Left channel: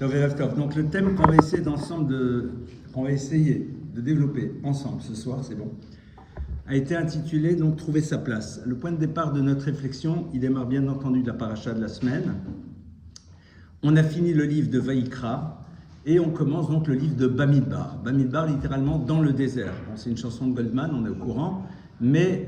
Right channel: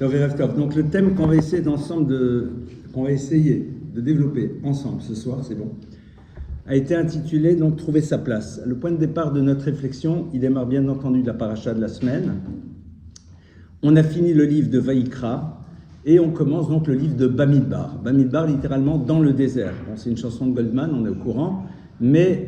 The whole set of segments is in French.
Donc le thème qu'on va essayer de développer ensemble ce soir, c'est bon, a été intitulé donc Trouver sa place. Le point de départ de notre réflexion, il démarre bien entendu de la paracha de la semaine. On a fini le livre de Vaïkra et on commence donc le livre de Bamidbar. Bamidbar, littéralement dans le désert. Bon, c'est une chanson de Goldman, on est au courant, mais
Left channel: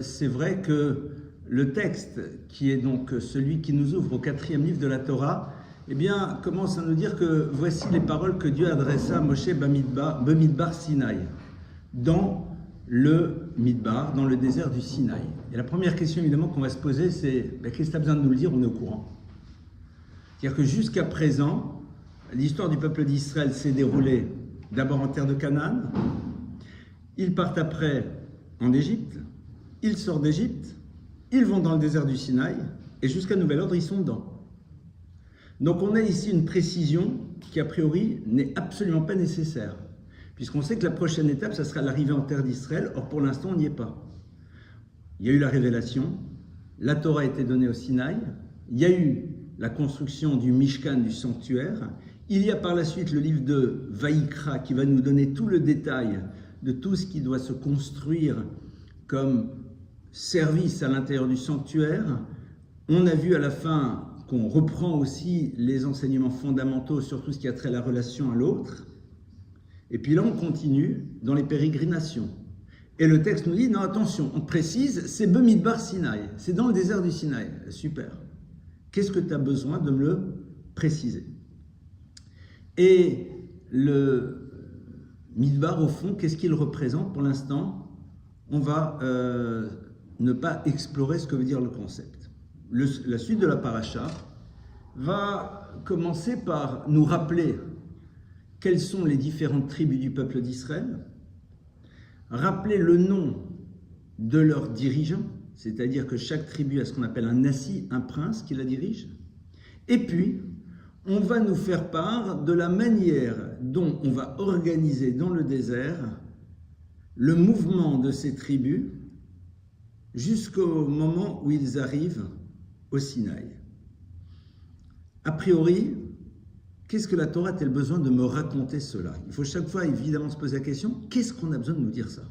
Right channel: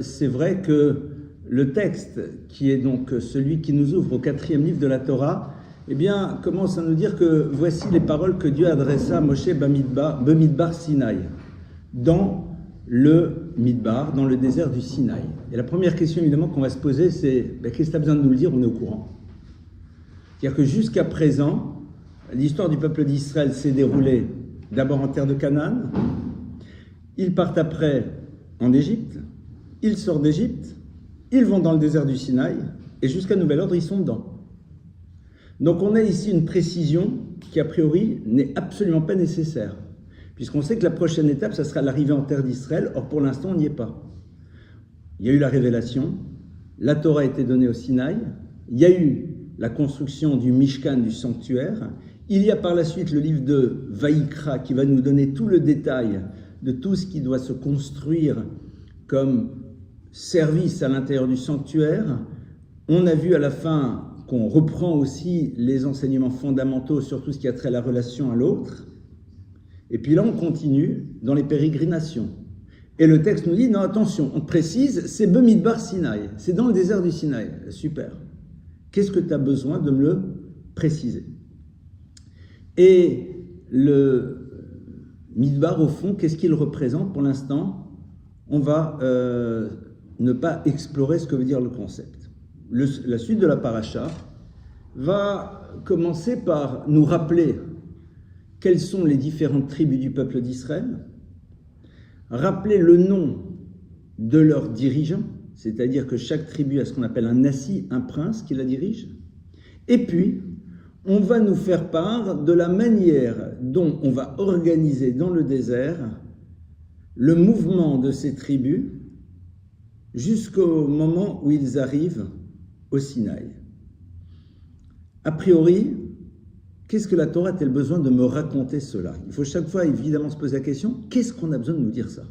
c'est vrai que le texte, qui est donc celui qui nous ouvre au 4e livre de la Torah, eh bien, commence à nous dire que voici les paroles que Dieu adressa à Moshe Bamidbar Sinaï, dans le Midbar, dans le désert du Sinaï. Et la première question évidemment qu'on va se poser, c'est qu'est-ce que tu as besoin de nous le dire, on est au courant. C'est-à-dire que jusqu'à présent, l'histoire du peuple d'Israël s'est déroulée d'abord en terre de Canaan, ils partent après en Égypte, ils sortent d'Égypte, ils vont dans le désert du Sinaï, et jusqu'à nouvel ordre, ils sont dedans. Donc on a ici une précision qui a priori n'est absolument pas nécessaire, puisqu'on sait que la prochaine étape, ça sera l'arrivée en terre d'Israël, or pour l'instant on n'y est pas. Il y a eu la révélation, la Torah a été donnée au Sinaï, il y a eu la construction du Mishkan, du sanctuaire, il y a par la suite le livre de Vaïkra qui va nous donner tout le détail de tout ce qui doit se construire comme service à l'intérieur du sanctuaire. On a vu à la fin qu'on reprend aussi les enseignements fondamentaux sur tout ce qui a trait à la relation à l'autre. Et puis là, on continue dans les pérégrinations. Et le texte nous dit, non, attention, on précise, c'est Bamidbar Sinaï, c'est dans le désert du Sinaï. Super. Qu'est-ce que tu as besoin de me le préciser? Et le Midbar, au fond, qu'est-ce qu'il représente pour l'instant? On va ne pas explorer ce que veut dire le concept. La suite de la paracha va commencer par nous rappeler quelles sont les différentes tribus du peuple d'Israël, rappeler le nom de leurs dirigeants, c'est-à-dire que chaque tribu a ce qu'on appelle un nassi, un prince qui la dirige, et puis on va nous faire part de la manière dont on va organiser dans le désert le mouvement de ces tribus jusqu'au moment où ils arrivent au Sinaï. A priori, qu'est-ce que la Torah a-t-elle besoin de me raconter cela? Il faut chaque fois évidemment se poser la question, qu'est-ce qu'on a besoin de nous dire ça?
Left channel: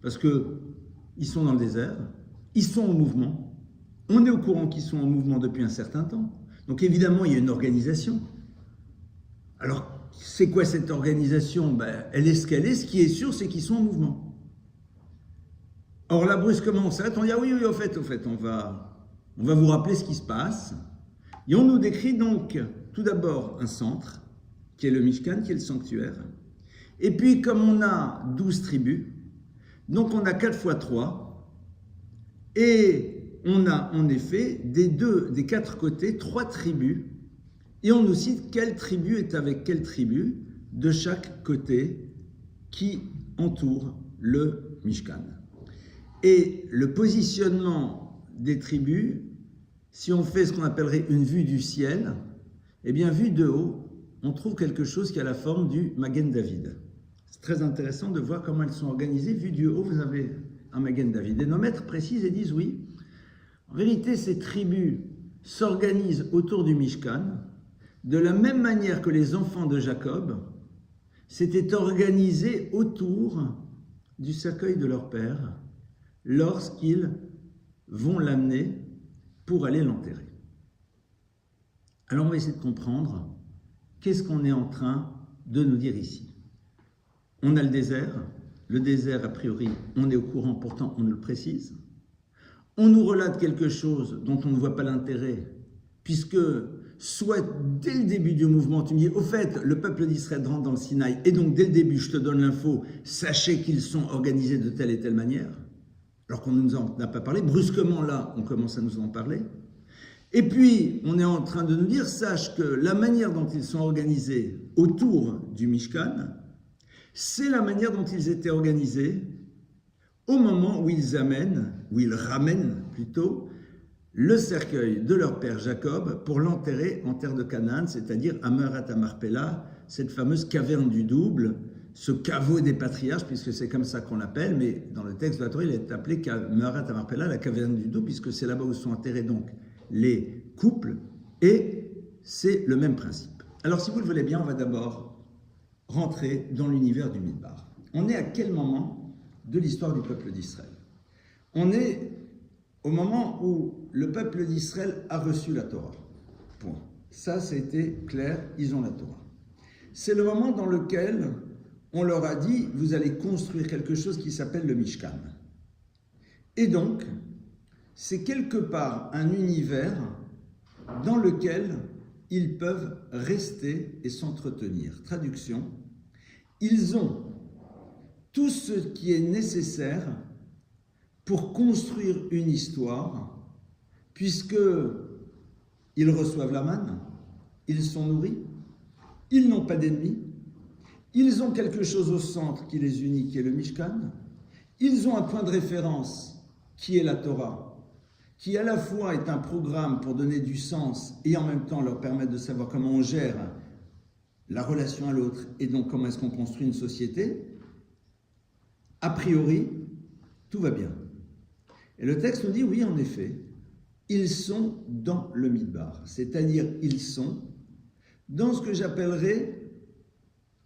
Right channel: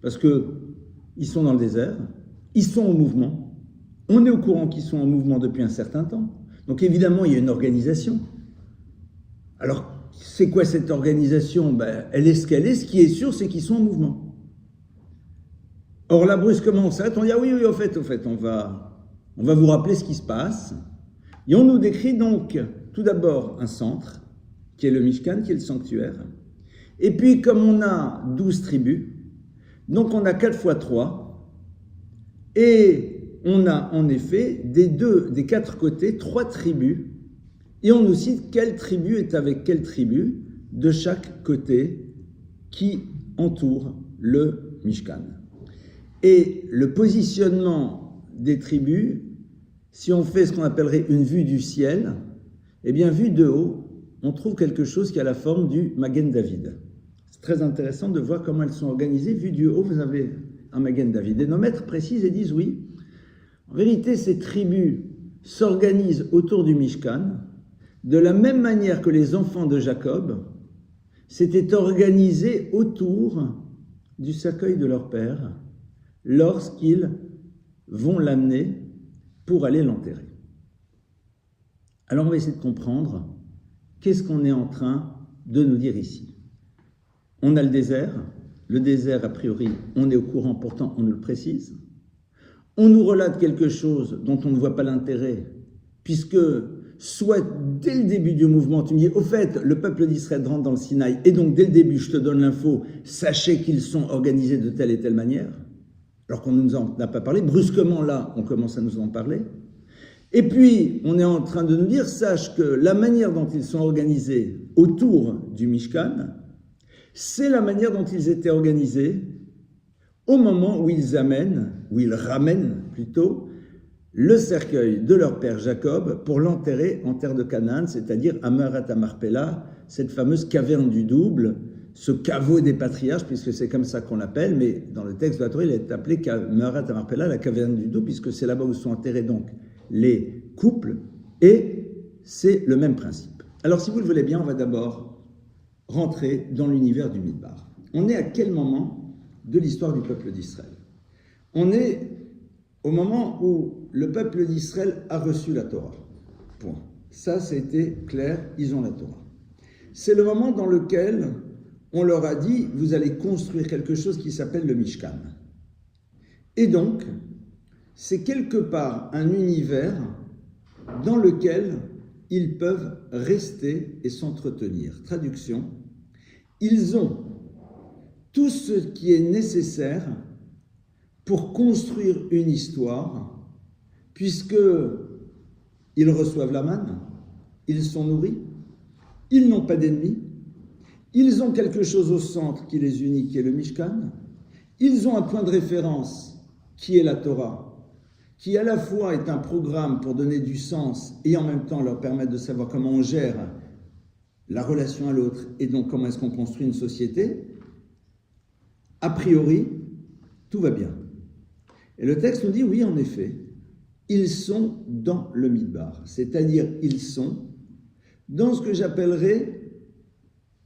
Parce qu'ils sont dans le désert, ils sont en mouvement, on est au courant qu'ils sont en mouvement depuis un certain temps, donc évidemment il y a une organisation. Alors c'est quoi cette organisation? Elle est ce qu'elle est, ce qui est sûr c'est qu'ils sont en mouvement. Or là brusquement on s'arrête, on dit ah oui, au fait on va vous rappeler ce qui se passe. Et on nous décrit donc tout d'abord un centre, qui est le Mishkan, qui est le sanctuaire. Et puis comme on a 12 tribus, donc on a 4 fois 3, et on a en effet des 4 côtés 3 tribus, et on nous cite quelle tribu est avec quelle tribu de chaque côté qui entoure le Mishkan. Et le positionnement des tribus, si on fait ce qu'on appellerait une vue du ciel, eh bien, vue de haut, on trouve quelque chose qui a la forme du Magen David. C'est très intéressant de voir comment elles sont organisées. Vue du haut, vous avez un Magen David. Et nos maîtres précisent et disent oui, en vérité, ces tribus s'organisent autour du Mishkan de la même manière que les enfants de Jacob s'étaient organisés autour du cercueil de leur père lorsqu'ils vont l'amener pour aller l'enterrer. Alors on va essayer de comprendre qu'est-ce qu'on est en train de nous dire ici. On a le désert a priori on est au courant, pourtant on nous le précise. On nous relate quelque chose dont on ne voit pas l'intérêt, puisque soit dès le début du mouvement tu me dis au fait le peuple d'Israël rentre dans le Sinaï et donc dès le début je te donne l'info, sachez qu'ils sont organisés de telle et telle manière, alors qu'on ne nous en a pas parlé. Brusquement, là, on commence à nous en parler. Et puis, on est en train de nous dire, sache que la manière dont ils sont organisés autour du Mishkan, c'est la manière dont ils étaient organisés au moment où ils ramènent plutôt, le cercueil de leur père Jacob pour l'enterrer en terre de Canaan, c'est-à-dire à Me'arat HaMarpela, cette fameuse caverne du double, ce caveau des patriarches, puisque c'est comme ça qu'on l'appelle, mais dans le texte de la Torah, il est appelé Me'arat HaMarpela, la caverne du double, puisque c'est là-bas où sont enterrés donc les couples, et c'est le même principe. Alors, si vous le voulez bien, on va d'abord rentrer dans l'univers du Midbar. On est à quel moment de l'histoire du peuple d'Israël? On est au moment où le peuple d'Israël a reçu la Torah. Point. Ça a été clair, ils ont la Torah. C'est le moment dans lequel on leur a dit, vous allez construire quelque chose qui s'appelle le Mishkan. Et donc, c'est quelque part un univers dans lequel ils peuvent rester et s'entretenir. Traduction, ils ont tout ce qui est nécessaire pour construire une histoire, puisque ils reçoivent la manne, ils sont nourris, ils n'ont pas d'ennemis, ils ont quelque chose au centre qui les unit, qui est le Mishkan, ils ont un point de référence qui est la Torah, qui à la fois est un programme pour donner du sens et en même temps leur permettre de savoir comment on gère la relation à l'autre et donc comment est-ce qu'on construit une société. A priori, tout va bien. Et le texte nous dit, oui, en effet, ils sont dans le Midbar, c'est-à-dire ils sont dans ce que j'appellerais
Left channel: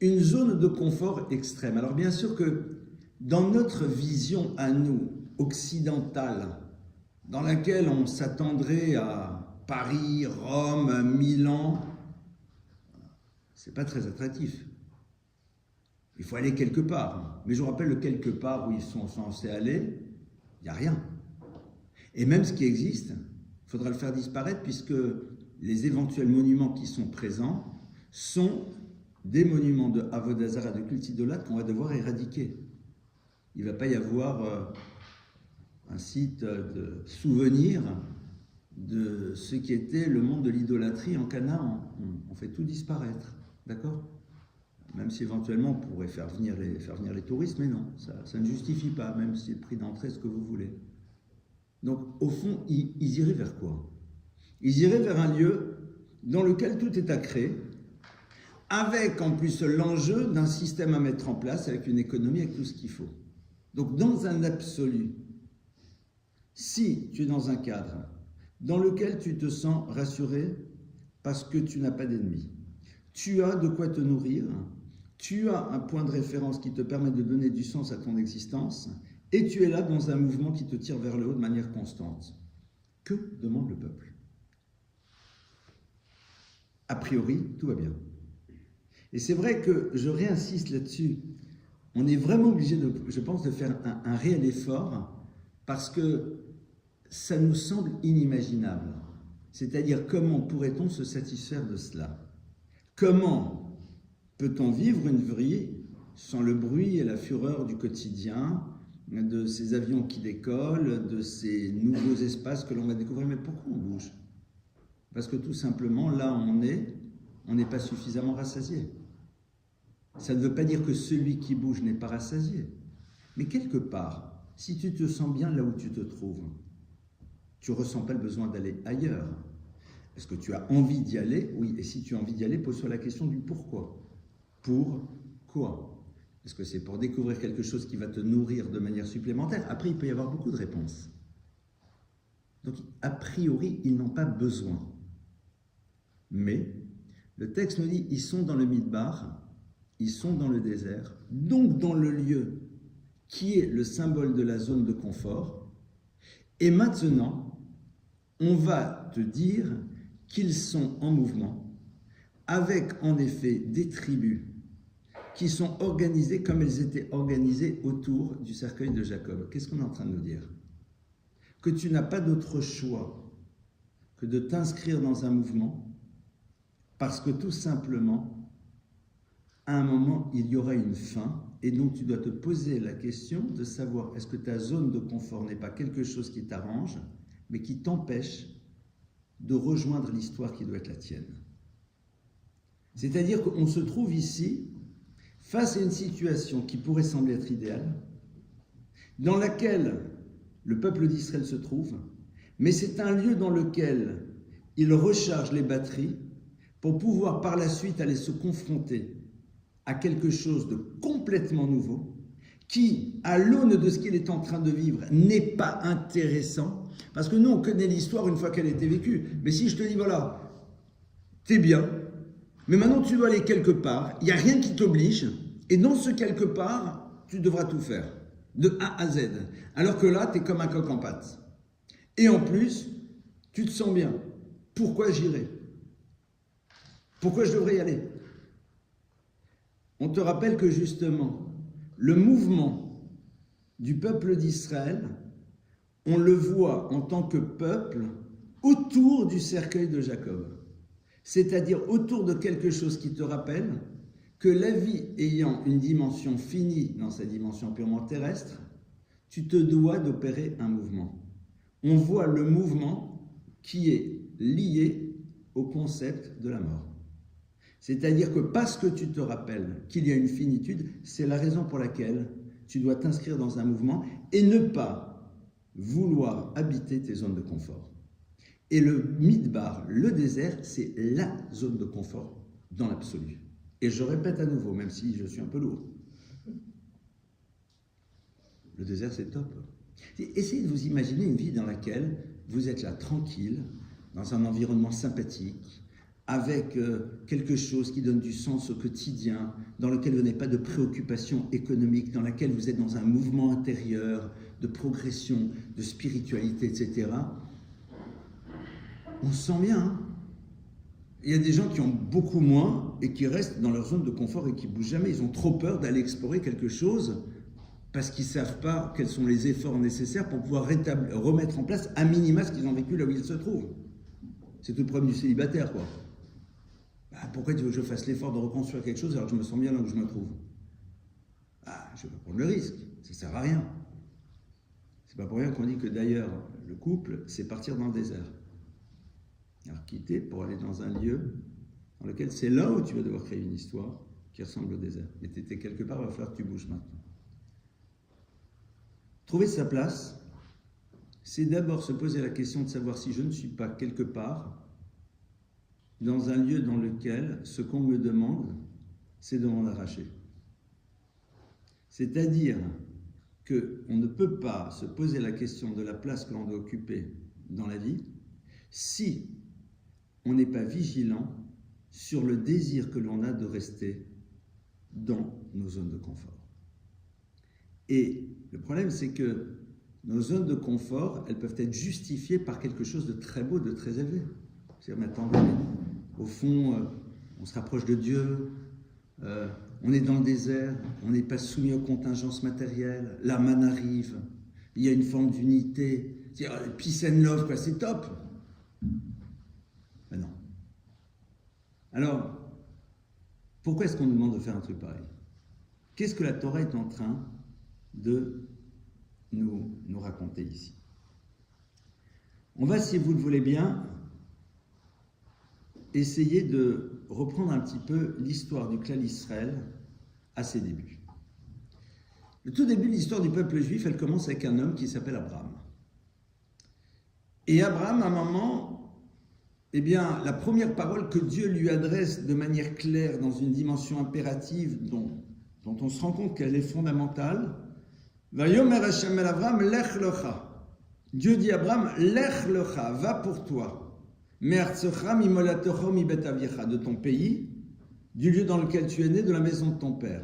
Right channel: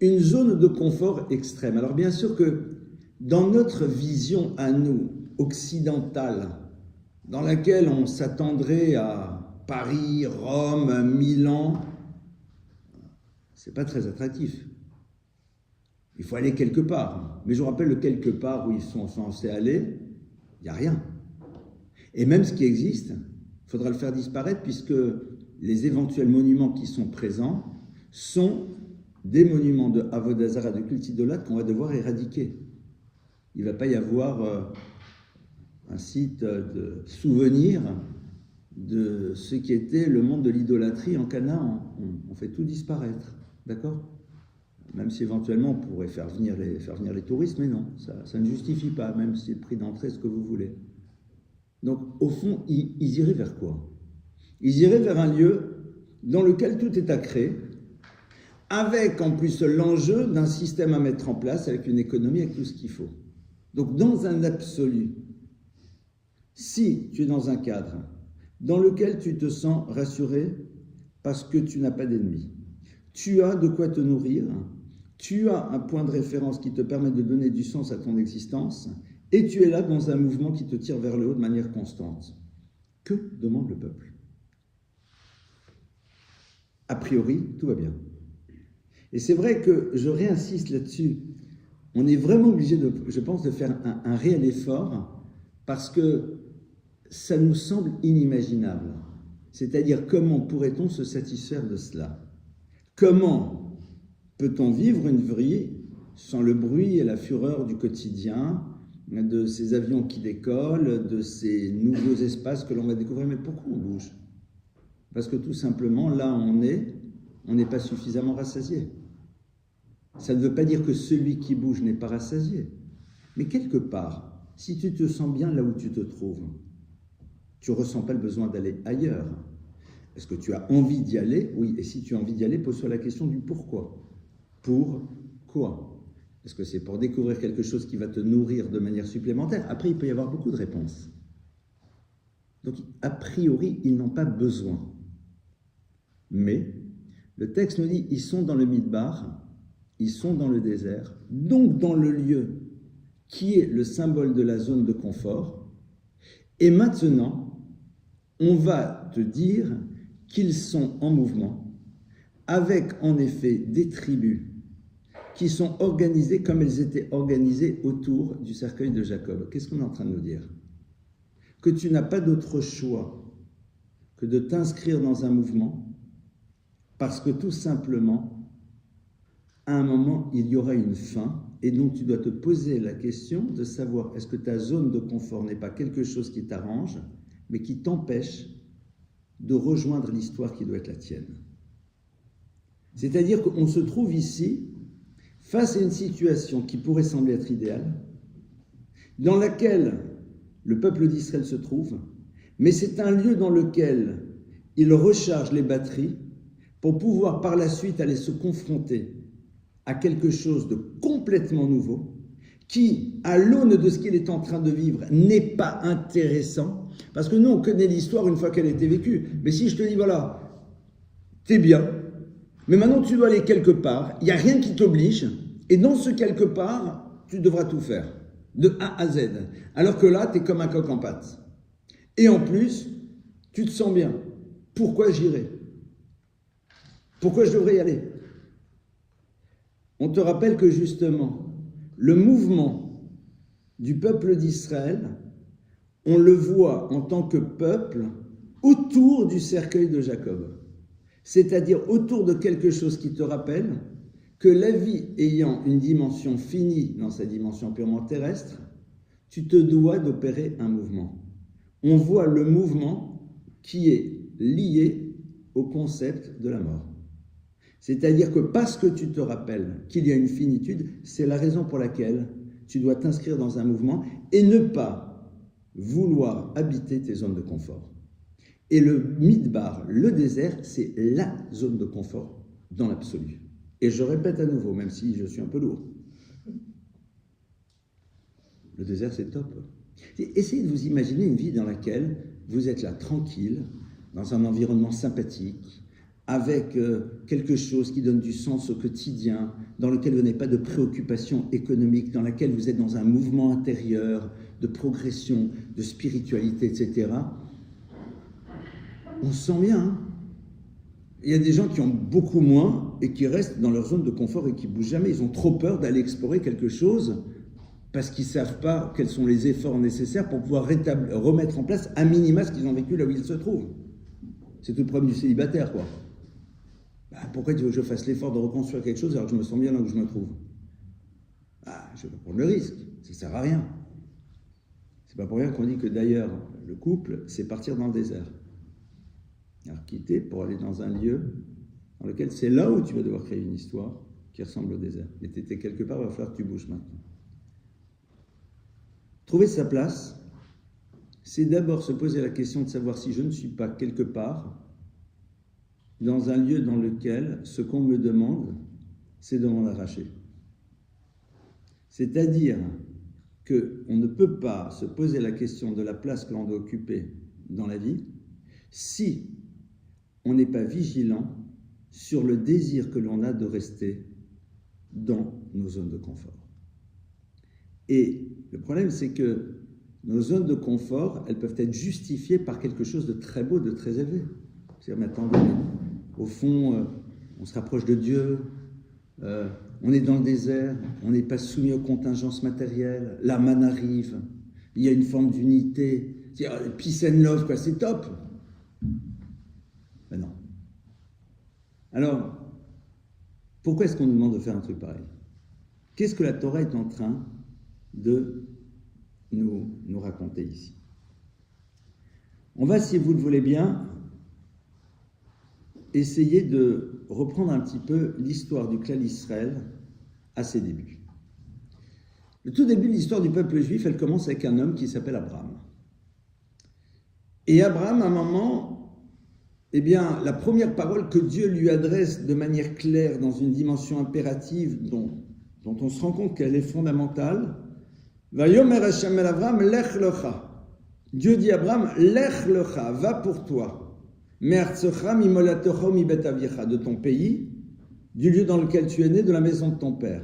une zone de confort extrême. Alors bien sûr que dans notre vision à nous, occidentale, dans laquelle on s'attendrait à Paris, Rome, Milan, c'est pas très attractif. Il faut aller quelque part. Mais je vous rappelle le quelque part où ils sont censés aller, il n'y a rien. Et même ce qui existe, il faudra le faire disparaître puisque les éventuels monuments qui sont présents sont des monuments de Avodah Zarah, de culte idolâtre qu'on va devoir éradiquer. Il ne va pas y avoir un site de souvenir de ce qui était le monde de l'idolâtrie en Canaan. On fait tout disparaître, d'accord? Même si éventuellement on pourrait faire venir les touristes, mais non, ça ne justifie pas, même si le prix d'entrée est ce que vous voulez. Donc au fond, ils iraient vers quoi? Ils iraient vers un lieu dans lequel tout est à créer, avec en plus l'enjeu d'un système à mettre en place, avec une économie, avec tout ce qu'il faut. Donc dans un absolu, si tu es dans un cadre dans lequel tu te sens rassuré parce que tu n'as pas d'ennemis, tu as de quoi te nourrir, tu as un point de référence qui te permet de donner du sens à ton existence, et tu es là dans un mouvement qui te tire vers le haut de manière constante. Que demande le peuple? A priori, tout va bien. Et c'est vrai que je réinsiste là-dessus. On est vraiment obligé, je pense, de faire un réel effort parce que ça nous semble inimaginable. C'est-à-dire, comment pourrait-on se satisfaire de cela? Comment peut-on vivre une vie sans le bruit et la fureur du quotidien, de ces avions qui décollent, de ces nouveaux espaces que l'on va découvrir? Mais pourquoi on bouge? Parce que tout simplement, là on n'est pas suffisamment rassasié. Ça ne veut pas dire que celui qui bouge n'est pas rassasié. Mais quelque part, si tu te sens bien là où tu te trouves, tu ne ressens pas le besoin d'aller ailleurs. Est-ce que tu as envie d'y aller? Oui, et si tu as envie d'y aller, pose-toi la question du pourquoi. Pour quoi? Est-ce que c'est pour découvrir quelque chose qui va te nourrir de manière supplémentaire? Après, il peut y avoir beaucoup de réponses. Donc, a priori, ils n'ont pas besoin. Mais, le texte nous dit, ils sont dans le Midbar, ils sont dans le désert, donc dans le lieu qui est le symbole de la zone de confort. Et maintenant, on va te dire qu'ils sont en mouvement, avec en effet des tribus qui sont organisées comme elles étaient organisées autour du cercueil de Jacob. Qu'est-ce qu'on est en train de nous dire? Que tu n'as pas d'autre choix que de t'inscrire dans un mouvement, parce que tout simplement, à un moment, il y aura une fin, et donc tu dois te poser la question de savoir est-ce que ta zone de confort n'est pas quelque chose qui t'arrange, mais qui t'empêche de rejoindre l'histoire qui doit être la tienne. C'est-à-dire qu'on se trouve ici face à une situation qui pourrait sembler être idéale, dans laquelle le peuple d'Israël se trouve, mais c'est un lieu dans lequel il recharge les batteries pour pouvoir par la suite aller se confronter à quelque chose de complètement nouveau, qui, à l'aune de ce qu'il est en train de vivre, n'est pas intéressant, parce que nous, on connaît l'histoire une fois qu'elle a été vécue. Mais si je te dis, voilà, t'es bien, Mais maintenant, tu dois aller quelque part, il n'y a rien qui t'oblige, et dans ce quelque part, tu devras tout faire, de A à Z. Alors que là, tu es comme un coq en pâte. Et en plus, tu te sens bien. Pourquoi j'irai? Pourquoi je devrais y aller? On te rappelle que justement, le mouvement du peuple d'Israël, on le voit en tant que peuple autour du cercueil de Jacob. C'est-à-dire autour de quelque chose qui te rappelle que la vie ayant une dimension finie dans sa dimension purement terrestre, tu te dois d'opérer un mouvement. On voit le mouvement qui est lié au concept de la mort. C'est-à-dire que parce que tu te rappelles qu'il y a une finitude, c'est la raison pour laquelle tu dois t'inscrire dans un mouvement et ne pas vouloir habiter tes zones de confort. Et le midbar, le désert, c'est la zone de confort dans l'absolu. Et je répète à nouveau, même si je suis un peu lourd, le désert c'est top. Essayez de vous imaginer une vie dans laquelle vous êtes là tranquille, dans un environnement sympathique, avec quelque chose qui donne du sens au quotidien, dans lequel vous n'avez pas de préoccupation économique, dans laquelle vous êtes dans un mouvement intérieur de progression, de spiritualité, etc. On se sent bien. Hein? Il y a des gens qui ont beaucoup moins et qui restent dans leur zone de confort et qui ne bougent jamais. Ils ont trop peur d'aller explorer quelque chose parce qu'ils ne savent pas quels sont les efforts nécessaires pour pouvoir remettre en place à minima ce qu'ils ont vécu là où ils se trouvent. C'est tout le problème du célibataire, quoi. Pourquoi tu veux que je fasse l'effort de reconstruire quelque chose alors que je me sens bien là où je me trouve? Je veux prendre le risque, ça ne sert à rien. C'est pas pour rien qu'on dit que d'ailleurs, le couple, c'est partir dans le désert. Alors quitter pour aller dans un lieu dans lequel c'est là où tu vas devoir créer une histoire qui ressemble au désert. Et tu étais quelque part, il va falloir que tu bouges maintenant. Trouver sa place, c'est d'abord se poser la question de savoir si je ne suis pas quelque part dans un lieu dans lequel ce qu'on me demande, c'est de m'en arracher. C'est-à-dire qu'on ne peut pas se poser la question de la place que l'on doit occuper dans la vie si on n'est pas vigilant sur le désir que l'on a de rester dans nos zones de confort. Et le problème, c'est que nos zones de confort, elles peuvent être justifiées par quelque chose de très beau, de très élevé. C'est-à-dire, mais attendez, au fond, on se rapproche de Dieu, on est dans le désert, on n'est pas soumis aux contingences matérielles, la manne arrive, il y a une forme d'unité, c'est-à-dire peace and love, quoi, c'est top. Ben non. Alors, pourquoi est-ce qu'on nous demande de faire un truc pareil? Qu'est-ce que la Torah est en train de nous raconter ici? On va, si vous le voulez bien, essayer de reprendre un petit peu l'histoire du clan Israël à ses débuts. Le tout début de l'histoire du peuple juif, elle commence avec un homme qui s'appelle Abraham. Et Abraham, à un moment, eh bien, la première parole que Dieu lui adresse de manière claire dans une dimension impérative dont on se rend compte qu'elle est fondamentale, Vayomer Hashem el Abraham, lech lecha. Dieu dit à Abraham, lech lecha, va pour toi. De ton pays, du lieu dans lequel tu es né, de la maison de ton père,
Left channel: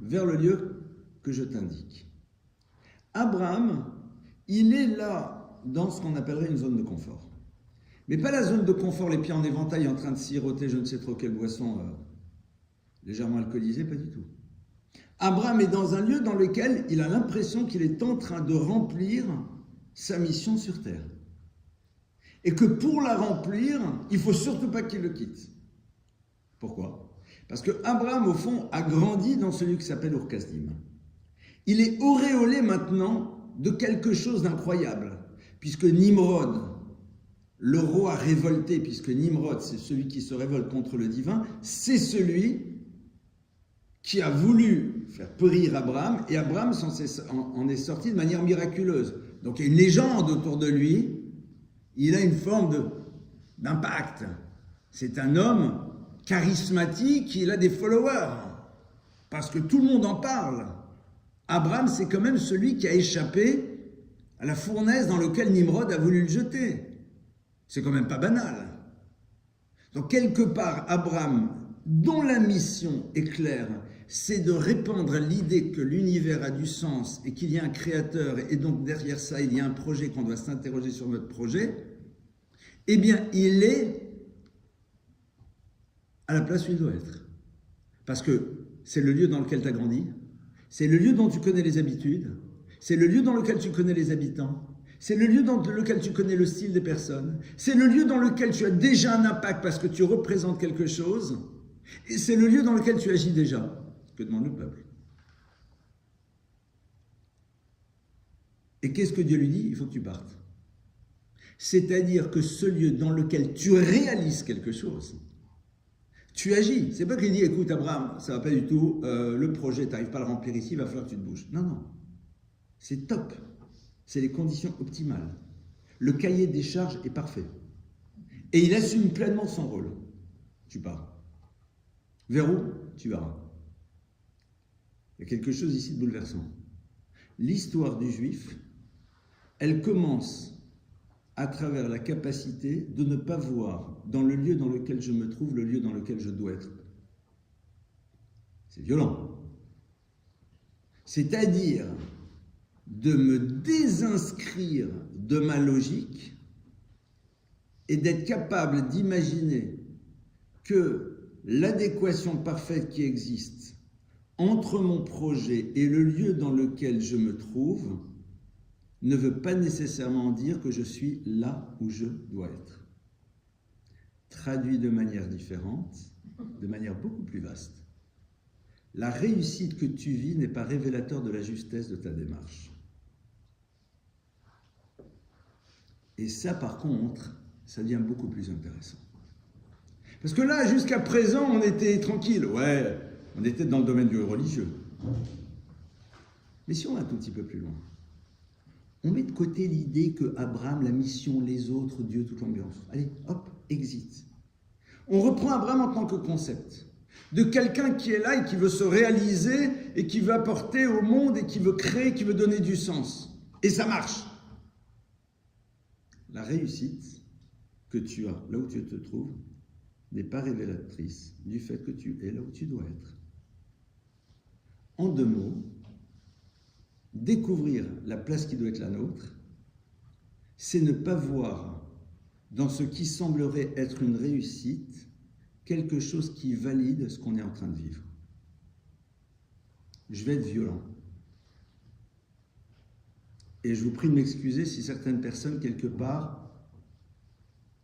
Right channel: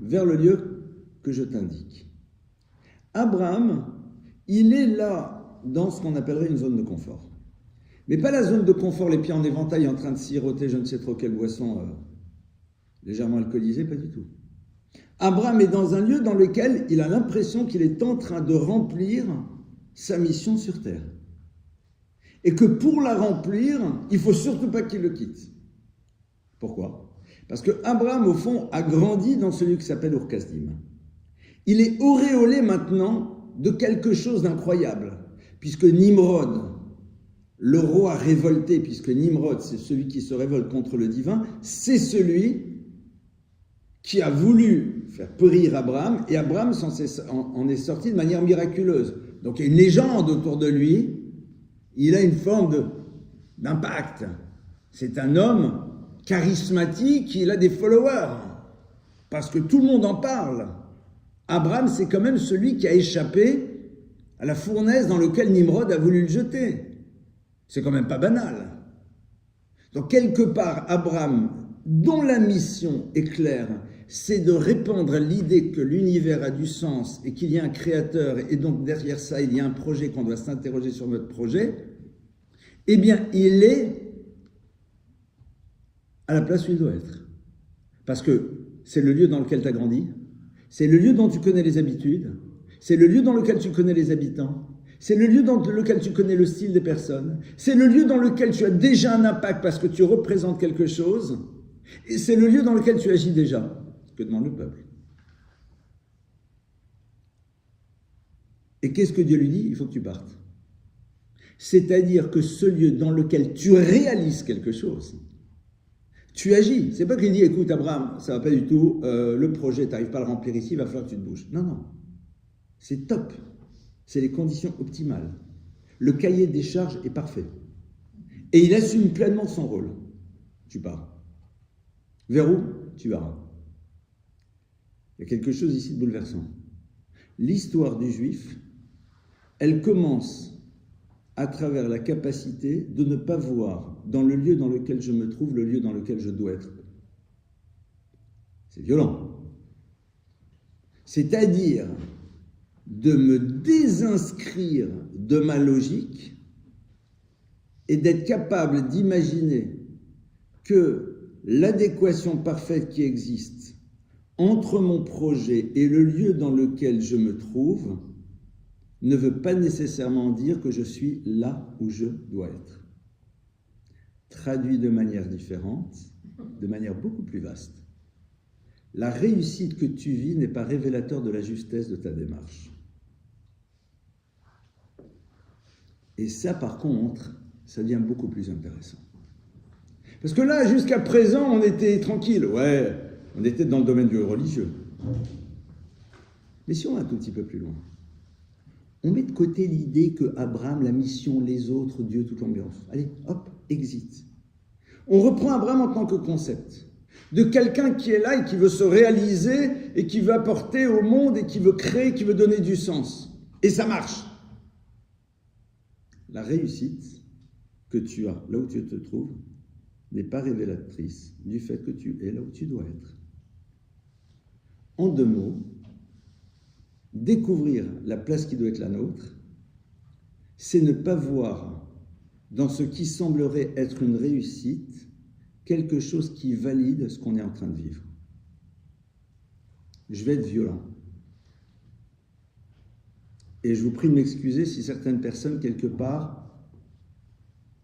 vers le lieu que je t'indique. Abraham, il est là dans ce qu'on appellerait une zone de confort. Mais pas la zone de confort, les pieds en éventail en train de siroter je ne sais trop quelle boisson légèrement alcoolisée, pas du tout. Abraham est dans un lieu dans lequel il a l'impression qu'il est en train de remplir sa mission sur terre. Et que pour la remplir, il ne faut surtout pas qu'il le quitte. Pourquoi? Parce que Abraham, au fond, a grandi dans celui qui s'appelle Ur-Kasdim. Il est auréolé maintenant de quelque chose d'incroyable, puisque Nimrod, le roi révolté, puisque Nimrod, c'est celui qui se révolte contre le divin, c'est celui qui a voulu faire périr Abraham, et Abraham en est sorti de manière miraculeuse. Donc il y a une légende autour de lui. Il a une forme d'impact. C'est un homme charismatique, il a des followers, parce que tout le monde en parle. Abraham, c'est quand même celui qui a échappé à la fournaise dans laquelle Nimrod a voulu le jeter. C'est quand même pas banal. Donc quelque part, Abraham, dont la mission est claire, c'est de répandre l'idée que l'univers a du sens et qu'il y a un créateur, et donc derrière ça, il y a un projet, qu'on doit s'interroger sur notre projet, eh bien, il est à la place où il doit être. Parce que c'est le lieu dans lequel tu as grandi, c'est le lieu dont tu connais les habitudes, c'est le lieu dans lequel tu connais les habitants, c'est le lieu dans lequel tu connais le style des personnes, c'est le lieu dans lequel tu as déjà un impact parce que tu représentes quelque chose, et c'est le lieu dans lequel tu agis déjà. Que demande le peuple? Et qu'est-ce que Dieu lui dit? Il faut que tu partes. C'est-à-dire que ce lieu dans lequel tu réalises quelque chose, tu agis. C'est pas qu'il dit, écoute Abraham, ça va pas du tout, le projet, tu n'arrives pas à le remplir ici, il va falloir que tu te bouges. Non, non. C'est top. C'est les conditions optimales. Le cahier des charges est parfait. Et il assume pleinement son rôle. Tu pars. Vers où? Tu verras. Il y a quelque chose ici de bouleversant. L'histoire du juif, elle commence à travers la capacité de ne pas voir dans le lieu dans lequel je me trouve le lieu dans lequel je dois être. C'est violent. C'est-à-dire de me désinscrire de ma logique et d'être capable d'imaginer que l'adéquation parfaite qui existe entre mon projet et le lieu dans lequel je me trouve ne veut pas nécessairement dire que je suis là où je dois être. Traduit de manière différente, de manière beaucoup plus vaste. La réussite que tu vis n'est pas révélateur de la justesse de ta démarche. Et ça, par contre, ça devient beaucoup plus intéressant. Parce que là, jusqu'à présent, on était tranquille. Ouais, on était dans le domaine du religieux. Mais si on va un tout petit peu plus loin, on met de côté l'idée que Abraham, la mission, les autres, Dieu, toute l'ambiance. Allez, hop, exit. On reprend Abraham en tant que concept. De quelqu'un qui est là et qui veut se réaliser et qui veut apporter au monde et qui veut créer, qui veut donner du sens. Et ça marche. La réussite que tu as là où tu te trouves n'est pas révélatrice du fait que tu es là où tu dois être. En deux mots, découvrir la place qui doit être la nôtre, c'est ne pas voir dans ce qui semblerait être une réussite quelque chose qui valide ce qu'on est en train de vivre. Je vais être violent. Et je vous prie de m'excuser si certaines personnes, quelque part,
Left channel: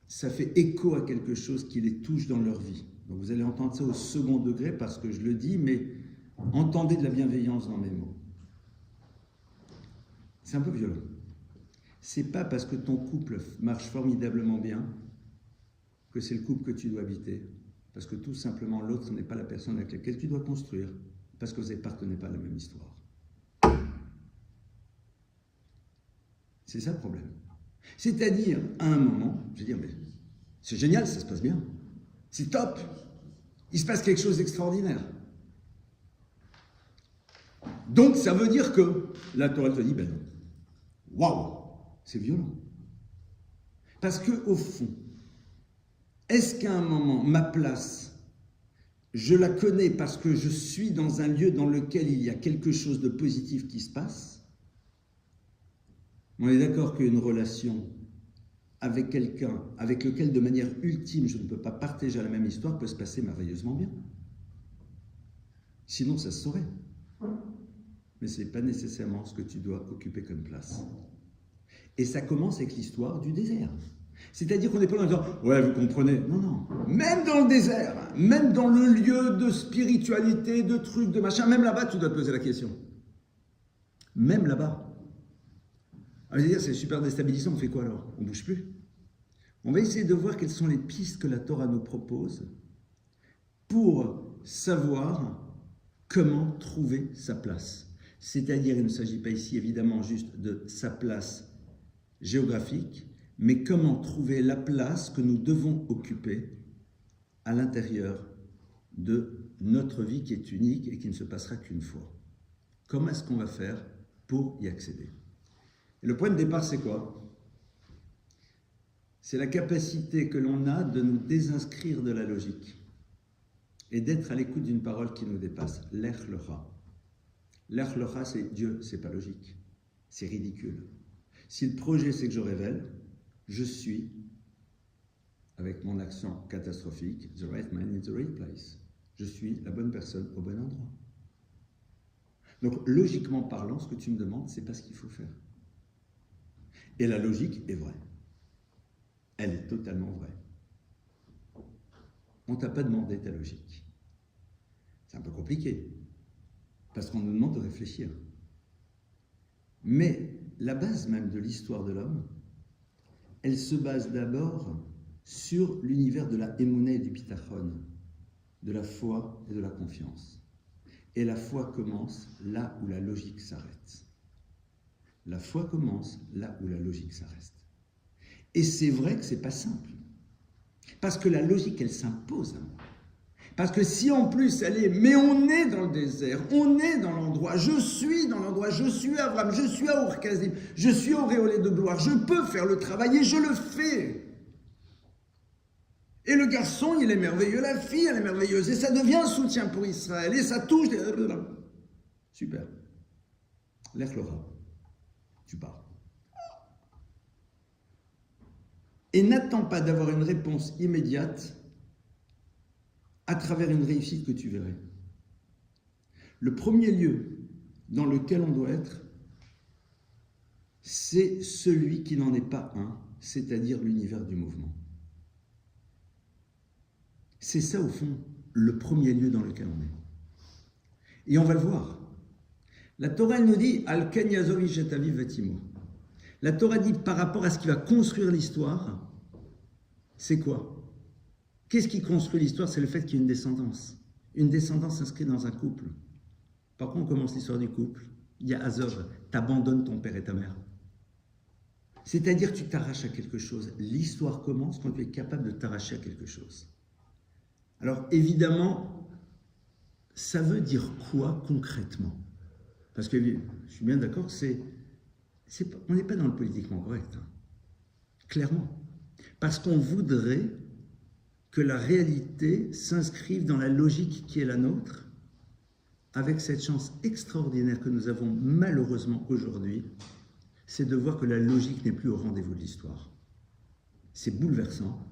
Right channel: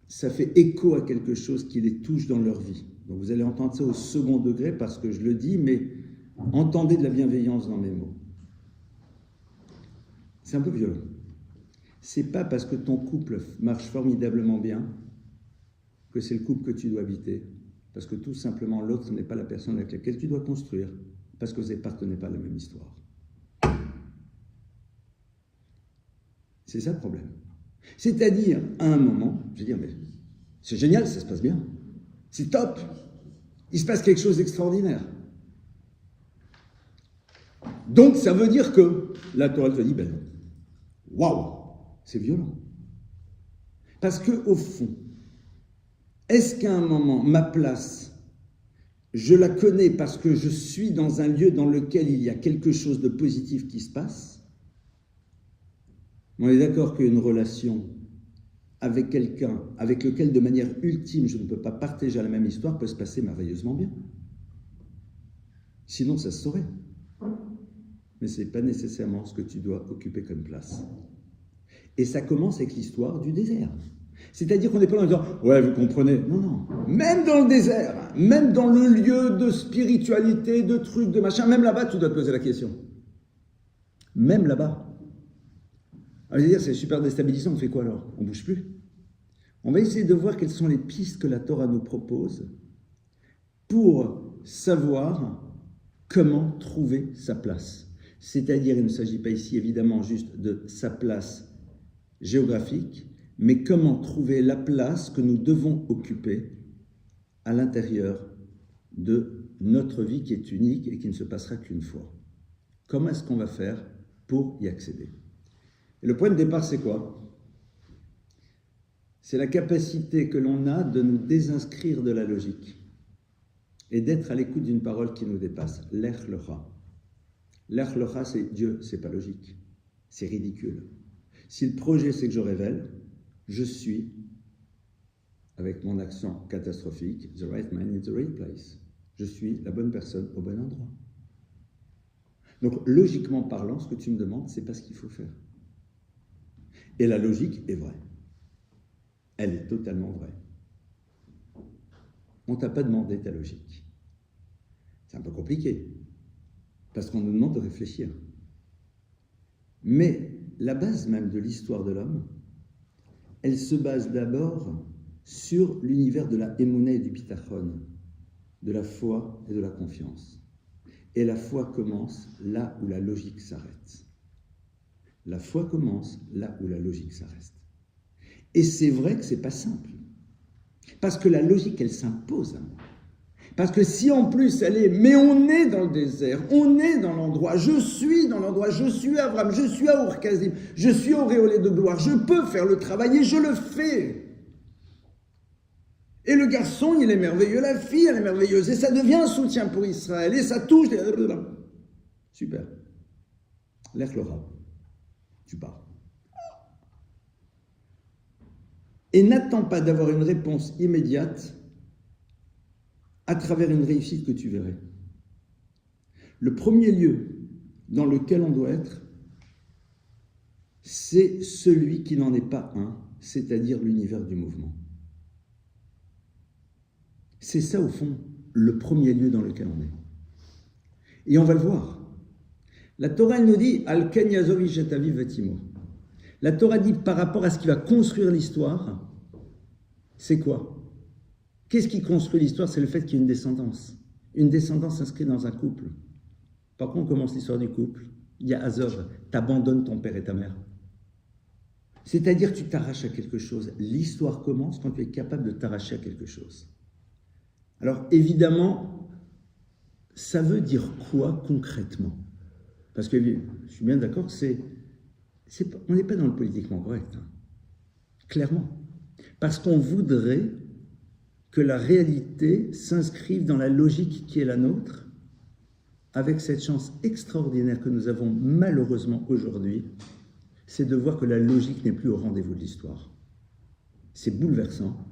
ça fait écho à quelque chose qui les touche dans leur vie. Donc vous allez entendre ça au second degré parce que je le dis, mais entendez de la bienveillance dans mes mots. C'est un peu violent. C'est pas parce que ton couple marche formidablement bien que c'est le couple que tu dois habiter. Parce que tout simplement, l'autre n'est pas la personne avec laquelle tu dois construire. Parce que vous n'appartenez pas à la même histoire. C'est ça le problème. C'est-à-dire, à un moment, je vais dire, mais c'est génial, ça se passe bien. C'est top. Il se passe quelque chose d'extraordinaire. Donc, ça veut dire que la Torah te dit, ben non. Waouh, c'est violent. Parce qu'au fond, est-ce qu'à un moment, ma place, je la connais parce que je suis dans un lieu dans lequel il y a quelque chose de positif qui se passe? On est d'accord qu'une relation avec quelqu'un avec lequel, de manière ultime, je ne peux pas partager la même histoire, peut se passer merveilleusement bien. Sinon, ça se saurait. Mais ce n'est pas nécessairement ce que tu dois occuper comme place. Et ça commence avec l'histoire du désert. C'est-à-dire qu'on n'est pas là en disant « Ouais, vous comprenez ». Non, non. Même dans le désert, même dans le lieu de spiritualité, de trucs, de machin, même là-bas, tu dois te poser la question. Même là-bas. Alors, dire, c'est super déstabilisant, on fait quoi alors? On ne bouge plus. On va essayer de voir quelles sont les pistes que la Torah nous propose pour savoir comment trouver sa place. C'est-à-dire, il ne s'agit pas ici évidemment juste de sa place géographique, mais comment trouver la place que nous devons occuper à l'intérieur de notre vie qui est unique et qui ne se passera qu'une fois. Comment est-ce qu'on va faire pour y accéder? Et le point de départ, c'est quoi? c'est la capacité que l'on a de nous désinscrire de la logique et d'être à l'écoute d'une parole qui nous dépasse. Lech lecha. Lech lecha, c'est Dieu, c'est pas logique. C'est ridicule. Si le projet, c'est que je révèle, je suis, avec mon accent catastrophique, the right man in the right place. Je suis la bonne personne au bon endroit. Donc, logiquement parlant, ce que tu me demandes, c'est pas ce qu'il faut faire. Et la logique est vraie. Elle est totalement vraie. On ne t'a pas demandé ta logique. C'est un peu compliqué, parce qu'on nous demande de réfléchir. Mais la base même de l'histoire de l'homme, elle se base d'abord sur l'univers de la émouna et du bitachon, de la foi et de la confiance. Et la foi commence là où la logique s'arrête. La foi commence là où la logique s'arrête. Et c'est vrai que ce n'est pas simple. Parce que la logique, elle s'impose à moi. Parce que si en plus elle est, mais on est dans le désert, on est dans l'endroit, je suis dans l'endroit, je suis Abraham, je suis à Ur-Kazim, je suis auréolé de gloire, je peux faire le travail et je le fais. Et le garçon, il est merveilleux, la fille, elle est merveilleuse, et ça devient un soutien pour Israël, et ça touche. Super. Lech lecha. Tu pars. Et n'attends pas d'avoir une réponse immédiate à travers une réussite que tu verrais. Le premier lieu dans lequel on doit être, c'est celui qui n'en est pas un, c'est-à-dire l'univers du mouvement. C'est ça, au fond, le premier lieu dans lequel on est. Et on va le voir. La Torah, elle nous dit « Al ken yazovi shetavi vetimo ». La Torah dit par rapport à ce qui va construire l'histoire, c'est quoi? Qu'est-ce qui construit l'histoire? C'est le fait qu'il y ait une descendance. Une descendance inscrite dans un couple. Par contre, on commence l'histoire du couple. Il y a Azov, t'abandonnes ton père et ta mère. C'est-à-dire tu t'arraches à quelque chose. L'histoire commence quand tu es capable de t'arracher à quelque chose. Alors évidemment, ça veut dire quoi concrètement? Parce que je suis bien d'accord que on n'est pas dans le politiquement correct. Hein. Clairement. Parce qu'on voudrait que la réalité s'inscrive dans la logique qui est la nôtre, avec cette chance extraordinaire que nous avons malheureusement aujourd'hui, c'est de voir que la logique n'est plus au rendez-vous de l'histoire. C'est bouleversant,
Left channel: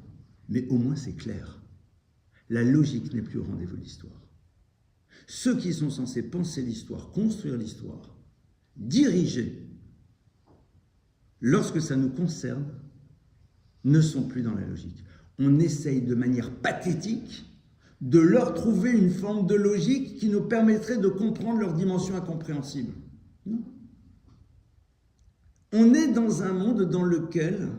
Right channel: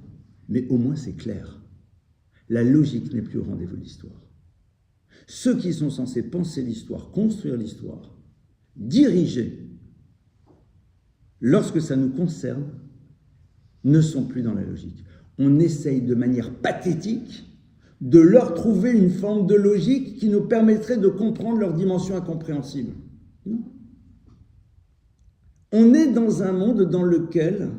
mais au moins c'est clair. La logique n'est plus au rendez-vous de l'histoire. Ceux qui sont censés penser l'histoire, construire l'histoire, diriger, lorsque ça nous concerne, ne sont plus dans la logique. On essaye de manière pathétique de leur trouver une forme de logique qui nous permettrait de comprendre leur dimension incompréhensible. Non. On est dans un monde dans lequel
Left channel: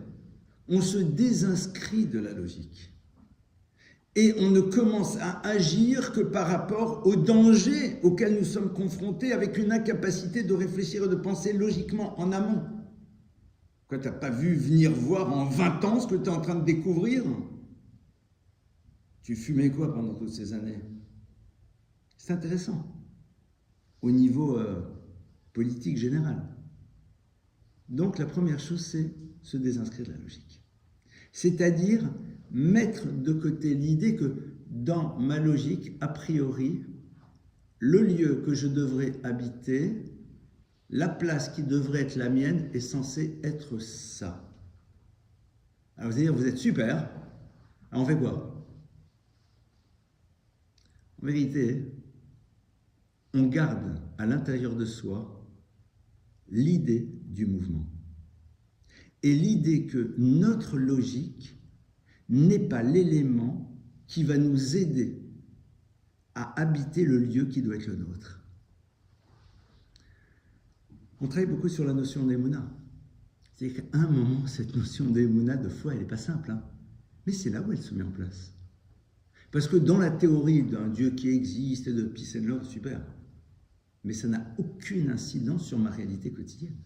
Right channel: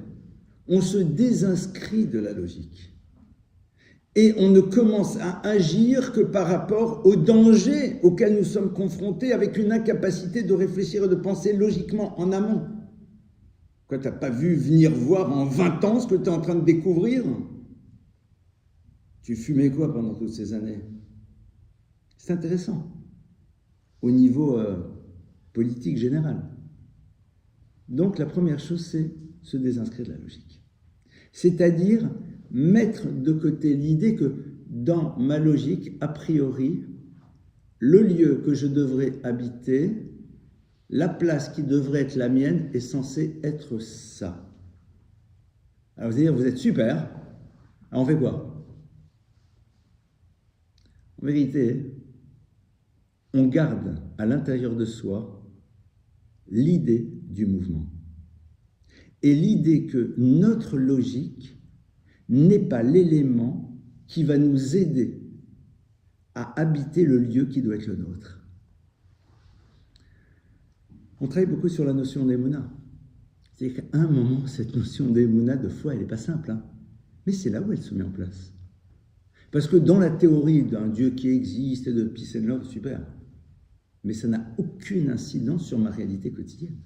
on se désinscrit de la logique. Et on ne commence à agir que par rapport aux dangers auxquels nous sommes confrontés, avec une incapacité de réfléchir et de penser logiquement en amont. Quoi, tu n'as pas vu venir voir en 20 ans ce que tu es en train de découvrir? Tu fumais quoi pendant toutes ces années? C'est intéressant, au niveau politique général. Donc la première chose, c'est se désinscrire de la logique. C'est-à-dire mettre de côté l'idée que dans ma logique, a priori, le lieu que je devrais habiter, la place qui devrait être la mienne est censée être ça. Alors vous allez dire, vous êtes super, alors on fait quoi? En vérité, on garde à l'intérieur de soi l'idée du mouvement. Et l'idée que notre logique n'est pas l'élément qui va nous aider à habiter le lieu qui doit être le nôtre. On travaille beaucoup sur la notion d'émouna. C'est-à-dire qu'à un moment, cette notion d'émouna, de foi, elle n'est pas simple. Hein, mais c'est là où elle se met en place. Parce que dans la théorie d'un Dieu qui existe et de peace and love, super. Mais ça n'a aucune incidence sur ma réalité quotidienne.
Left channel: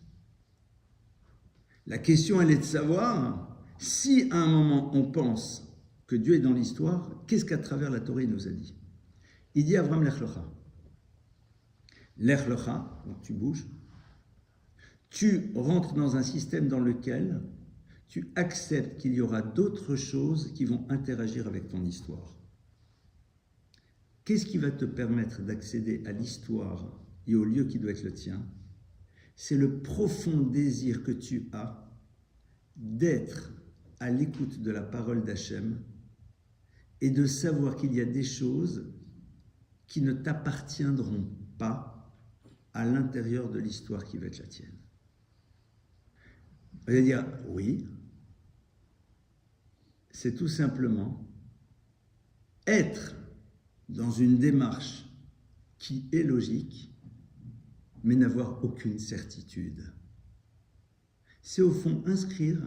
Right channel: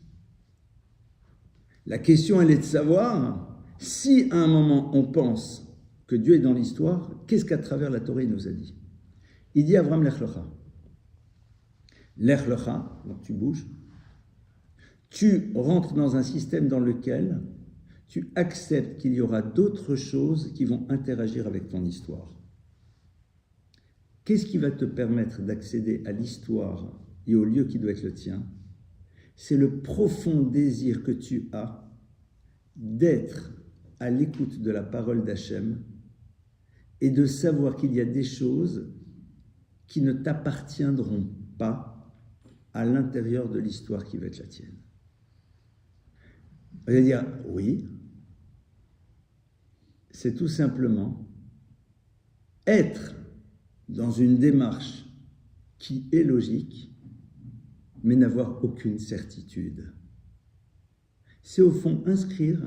La question, elle est de savoir si à un moment on pense que Dieu est dans l'histoire, qu'est-ce qu'à travers la Torah il nous a dit? Il dit à Abraham, Lech lecha. Lech lecha, donc tu bouges. Tu rentres dans un système dans lequel tu acceptes qu'il y aura d'autres choses qui vont interagir avec ton histoire. Qu'est-ce qui va te permettre d'accéder à l'histoire et au lieu qui doit être le tien? C'est le profond désir que tu as d'être à l'écoute de la parole d'Hachem et de savoir qu'il y a des choses qui ne t'appartiendront pas à l'intérieur de l'histoire qui va être la tienne. Vous allez dire, oui, c'est tout simplement être dans une démarche qui est logique, mais n'avoir aucune certitude. C'est au fond inscrire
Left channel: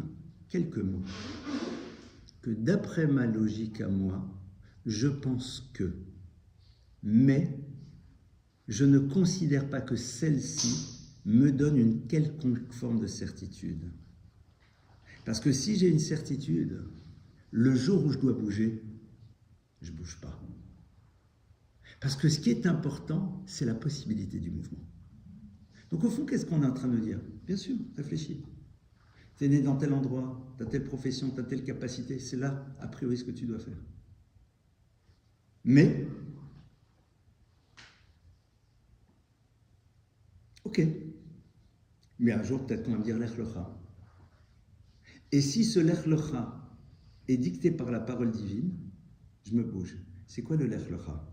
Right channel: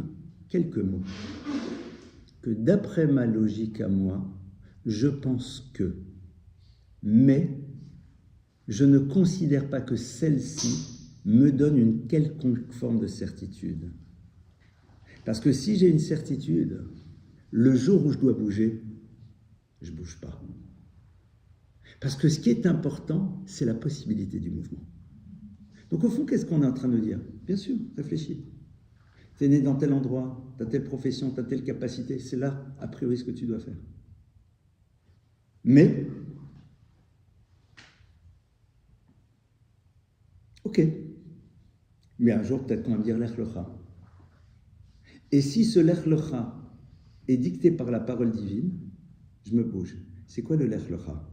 quelques mots que d'après ma logique à moi, je pense que, mais je ne considère pas que celle-ci me donne une quelconque forme de certitude. Parce que si j'ai une certitude, le jour où je dois bouger, je ne bouge pas. Parce que ce qui est important, c'est la possibilité du mouvement. Donc au fond, qu'est-ce qu'on est en train de dire? Bien sûr, réfléchis. Tu es né dans tel endroit, tu as telle profession, tu as telle capacité, c'est là, a priori, ce que tu dois faire. Mais, ok, mais un jour, peut-être qu'on va me dire l'Ech Lecha. Et si ce Lech Lecha est dicté par la parole divine, je me bouge. C'est quoi le Lech Lecha?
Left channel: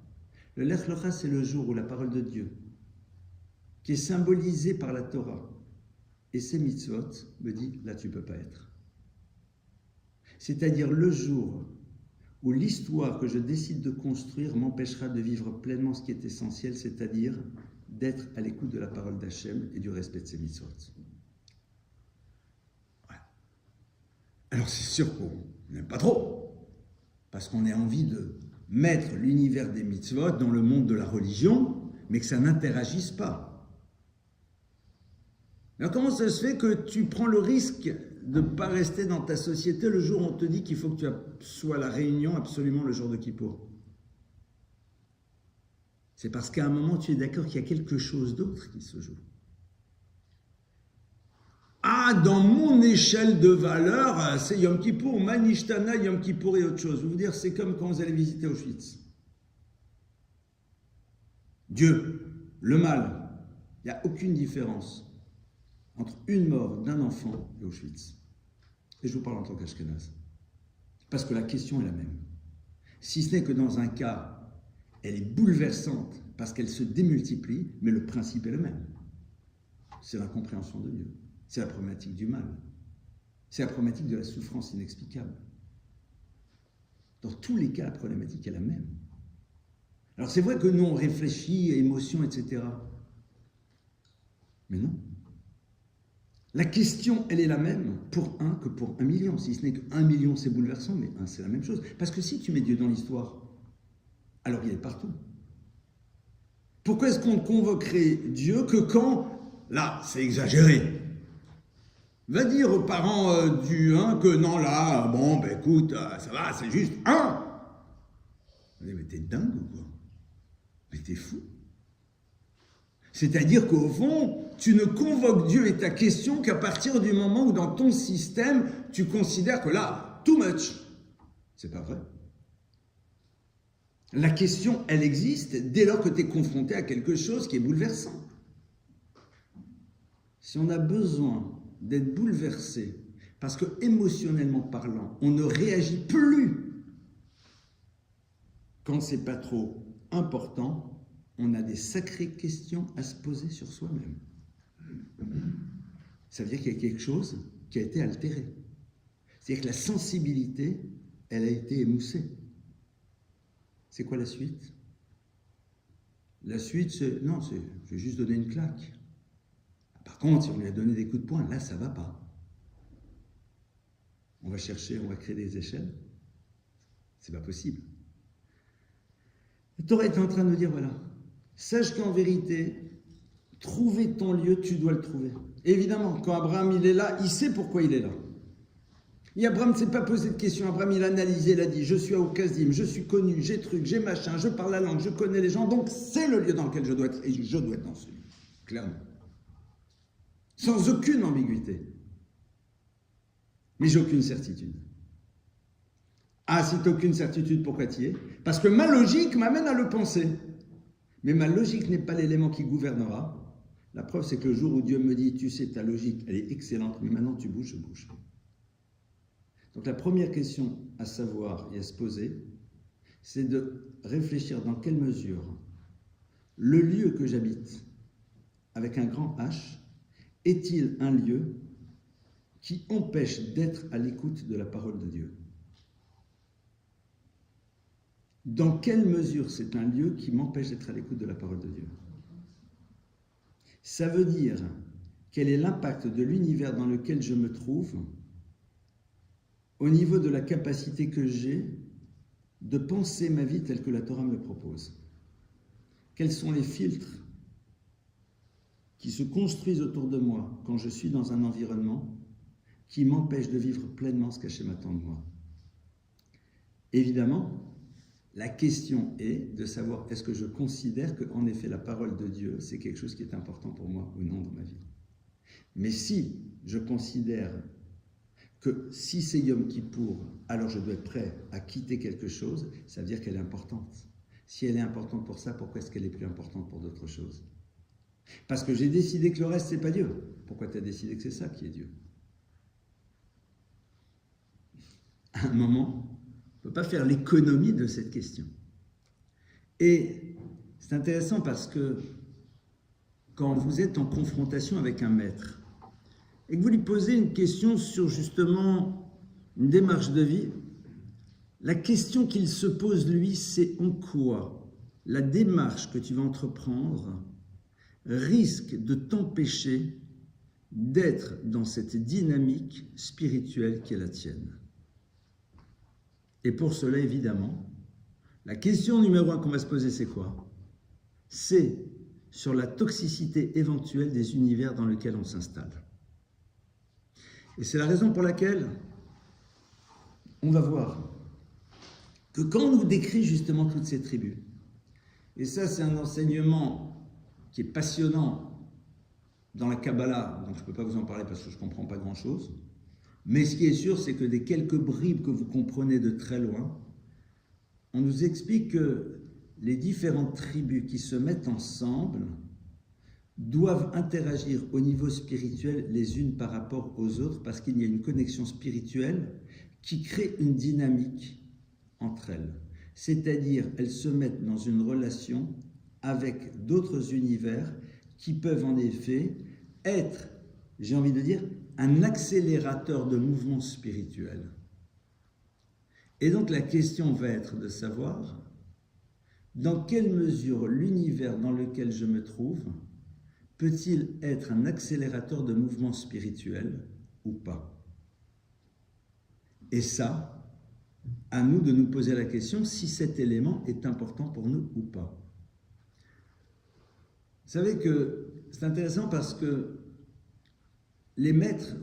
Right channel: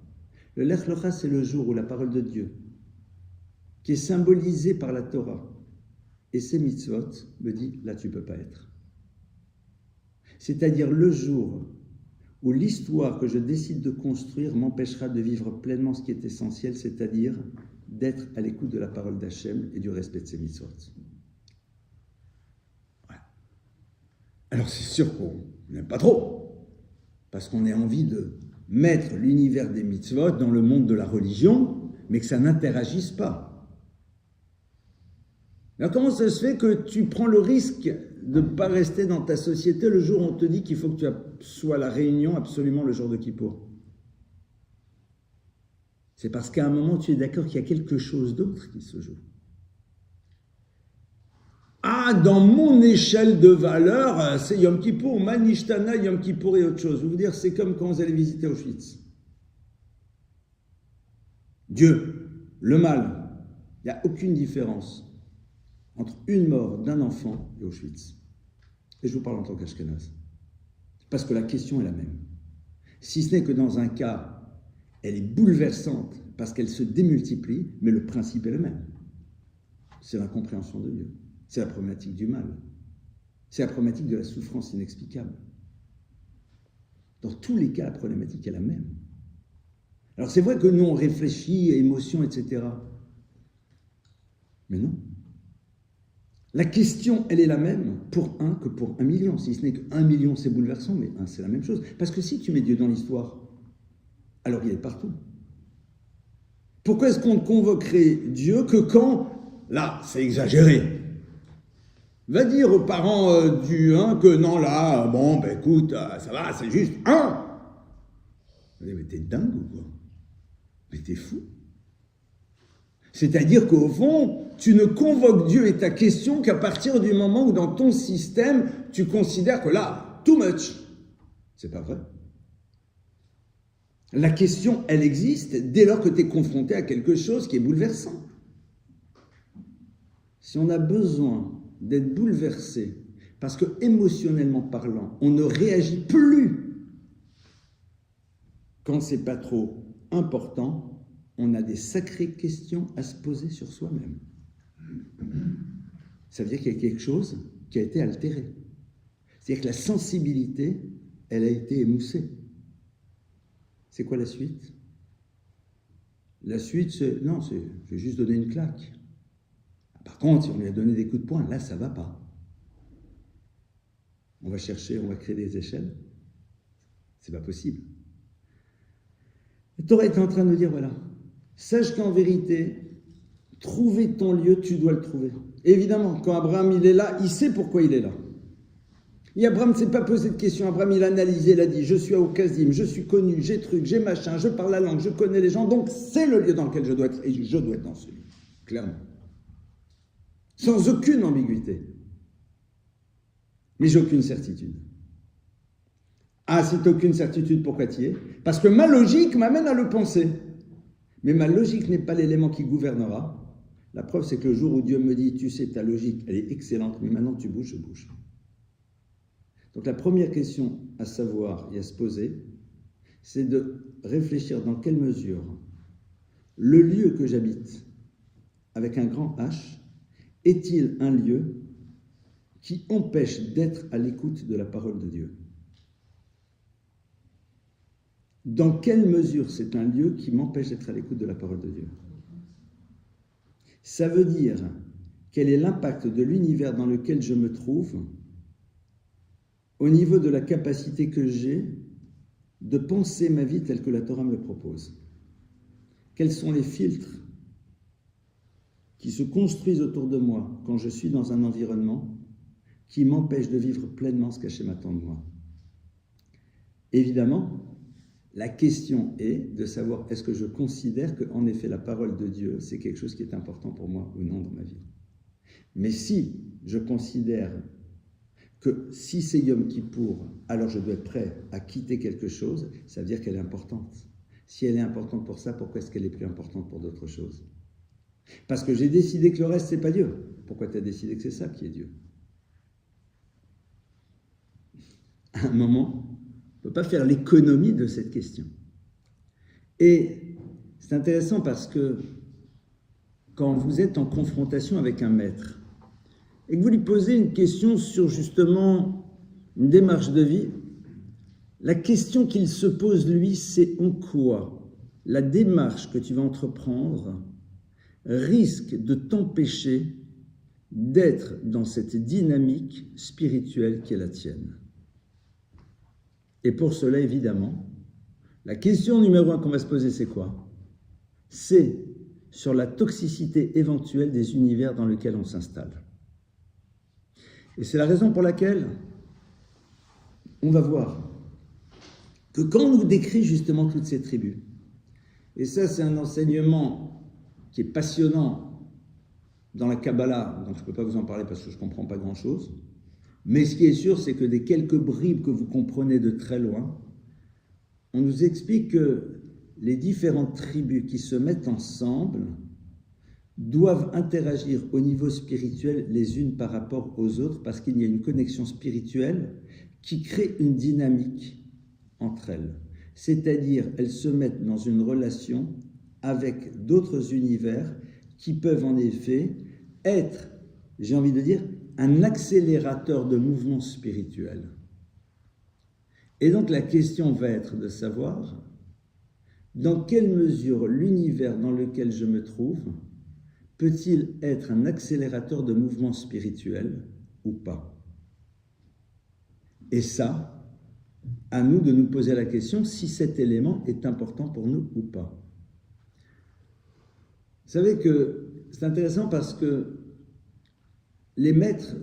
Le Lech Lecha, c'est le jour où la parole de Dieu, qui est symbolisée par la Torah et ses mitzvot, me dit, là tu ne peux pas être. C'est-à-dire le jour où l'histoire que je décide de construire m'empêchera de vivre pleinement ce qui est essentiel, c'est-à-dire d'être à l'écoute de la parole d'Hachem et du respect de ses mitzvot. Alors c'est sûr qu'on n'aime pas trop, parce qu'on a envie de mettre l'univers des mitzvot dans le monde de la religion, mais que ça n'interagisse pas. Alors comment ça se fait que tu prends le risque de ne pas rester dans ta société le jour où on te dit qu'il faut que tu sois à la réunion absolument le jour de Kippour? C'est parce qu'à un moment tu es d'accord qu'il y a quelque chose d'autre qui se joue. Ah, dans mon échelle de valeur, c'est Yom Kippour, Manishtana, Yom Kippour et autre chose. Je veux vous dire, c'est comme quand vous allez visiter Auschwitz. Dieu, le mal, il n'y a aucune différence entre une mort d'un enfant et Auschwitz. Et je vous parle en tant qu'Ashkenaz. Parce que la question est la même. Si ce n'est que dans un cas, elle est bouleversante parce qu'elle se démultiplie, mais le principe est le même. C'est l'incompréhension de Dieu. C'est la problématique du mal. C'est la problématique de la souffrance inexplicable. Dans tous les cas, la problématique est la même. Alors c'est vrai que nous, on réfléchit, émotions, etc. Mais non. La question, elle est la même pour un que pour 1 million. Si ce n'est que 1 million, c'est bouleversant, mais un, c'est la même chose. Parce que si tu mets Dieu dans l'histoire, alors il est partout. Pourquoi est-ce qu'on ne convoquerait Dieu que quand, là, c'est exagéré? Va dire aux parents du 1 que non, là, bon, ben écoute, ça va, c'est juste 1. Mais t'es dingue ou quoi? Mais t'es fou. C'est-à-dire qu'au fond, tu ne convoques Dieu et ta question qu'à partir du moment où dans ton système, tu considères que là, too much. C'est pas vrai. La question, elle existe dès lors que tu es confronté à quelque chose qui est bouleversant. Si on a besoin d'être bouleversé, parce que émotionnellement parlant, on ne réagit plus quand c'est pas trop important, on a des sacrées questions à se poser sur soi-même. Ça veut dire qu'il y a quelque chose qui a été altéré. C'est-à-dire que la sensibilité, elle a été émoussée. C'est quoi la suite? La suite, c'est... Non, c'est... Je vais juste donner une claque. Par contre, si on lui a donné des coups de poing, là, ça ne va pas. On va chercher, on va créer des échelles. C'est pas possible. Le Torah est en train de nous dire, voilà, sache qu'en vérité, trouver ton lieu, tu dois le trouver. Évidemment, quand Abraham, il est là, il sait pourquoi il est là. Et Abraham ne s'est pas posé de questions. Abraham, il a analysé, il a dit, je suis à Okazim, je suis connu, j'ai truc, j'ai machin, je parle la langue, je connais les gens, donc c'est le lieu dans lequel je dois être, et je dois être dans ce lieu, clairement. Sans aucune ambiguïté. mais j'ai aucune certitude. Ah, si tu n'as aucune certitude, pourquoi tu y es? Parce que ma logique m'amène à le penser. Mais ma logique n'est pas l'élément qui gouvernera. La preuve, c'est que le jour où Dieu me dit, tu sais, ta logique, elle est excellente, mais maintenant tu bouges, je bouge. Donc la première question à savoir et à se poser, c'est de réfléchir dans quelle mesure le lieu que j'habite, avec un grand H, est-il un lieu qui empêche d'être à l'écoute de la parole de Dieu? Dans quelle mesure c'est un lieu qui m'empêche d'être à l'écoute de la parole de Dieu? Ça veut dire quel est l'impact de l'univers dans lequel je me trouve au niveau de la capacité que j'ai de penser ma vie telle que la Torah me le propose. Quels sont les filtres qui se construisent autour de moi quand je suis dans un environnement qui m'empêche de vivre pleinement ce qu'Hachem attend de moi? Évidemment, la question est de savoir est-ce que je considère qu'en effet la parole de Dieu c'est quelque chose qui est important pour moi ou non dans ma vie. Mais si je considère que si c'est Yom Kippour, alors je dois être prêt à quitter quelque chose, ça veut dire qu'elle est importante. Si elle est importante pour ça, pourquoi est-ce qu'elle est plus importante pour d'autres choses? Parce que j'ai décidé que le reste, c'est pas Dieu. Pourquoi tu as décidé que c'est ça qui est Dieu? À un moment, on ne peut pas faire l'économie de cette question. Et c'est intéressant parce que quand vous êtes en confrontation avec un maître, et que vous lui posez une question sur justement une démarche de vie, la question qu'il se pose lui, c'est en quoi la démarche que tu vas entreprendre risque de t'empêcher d'être dans cette dynamique spirituelle qui est la tienne. Et pour cela, évidemment, la question numéro 1 qu'on va se poser, c'est quoi? C'est sur la toxicité éventuelle des univers dans lesquels on s'installe. Et c'est la raison pour laquelle on va voir que quand on nous décrit justement toutes ces tribus, et ça c'est un enseignement qui est passionnant dans la Kabbalah, donc je ne peux pas vous en parler parce que je ne comprends pas grand-chose, mais ce qui est sûr, c'est que des quelques bribes que vous comprenez de très loin, on nous explique que les différentes tribus qui se mettent ensemble doivent interagir au niveau spirituel les unes par rapport aux autres parce qu'il y a une connexion spirituelle qui crée une dynamique entre elles. C'est-à-dire, elles se mettent dans une relation avec d'autres univers qui peuvent en effet être, j'ai envie de dire, un accélérateur de mouvement spirituel. Et donc la question va être de savoir dans quelle mesure l'univers dans lequel je me trouve peut-il être un accélérateur de mouvement spirituel ou pas? Et ça, à nous de nous poser la question si cet élément est important pour nous ou pas. Vous savez que c'est intéressant parce que les maîtres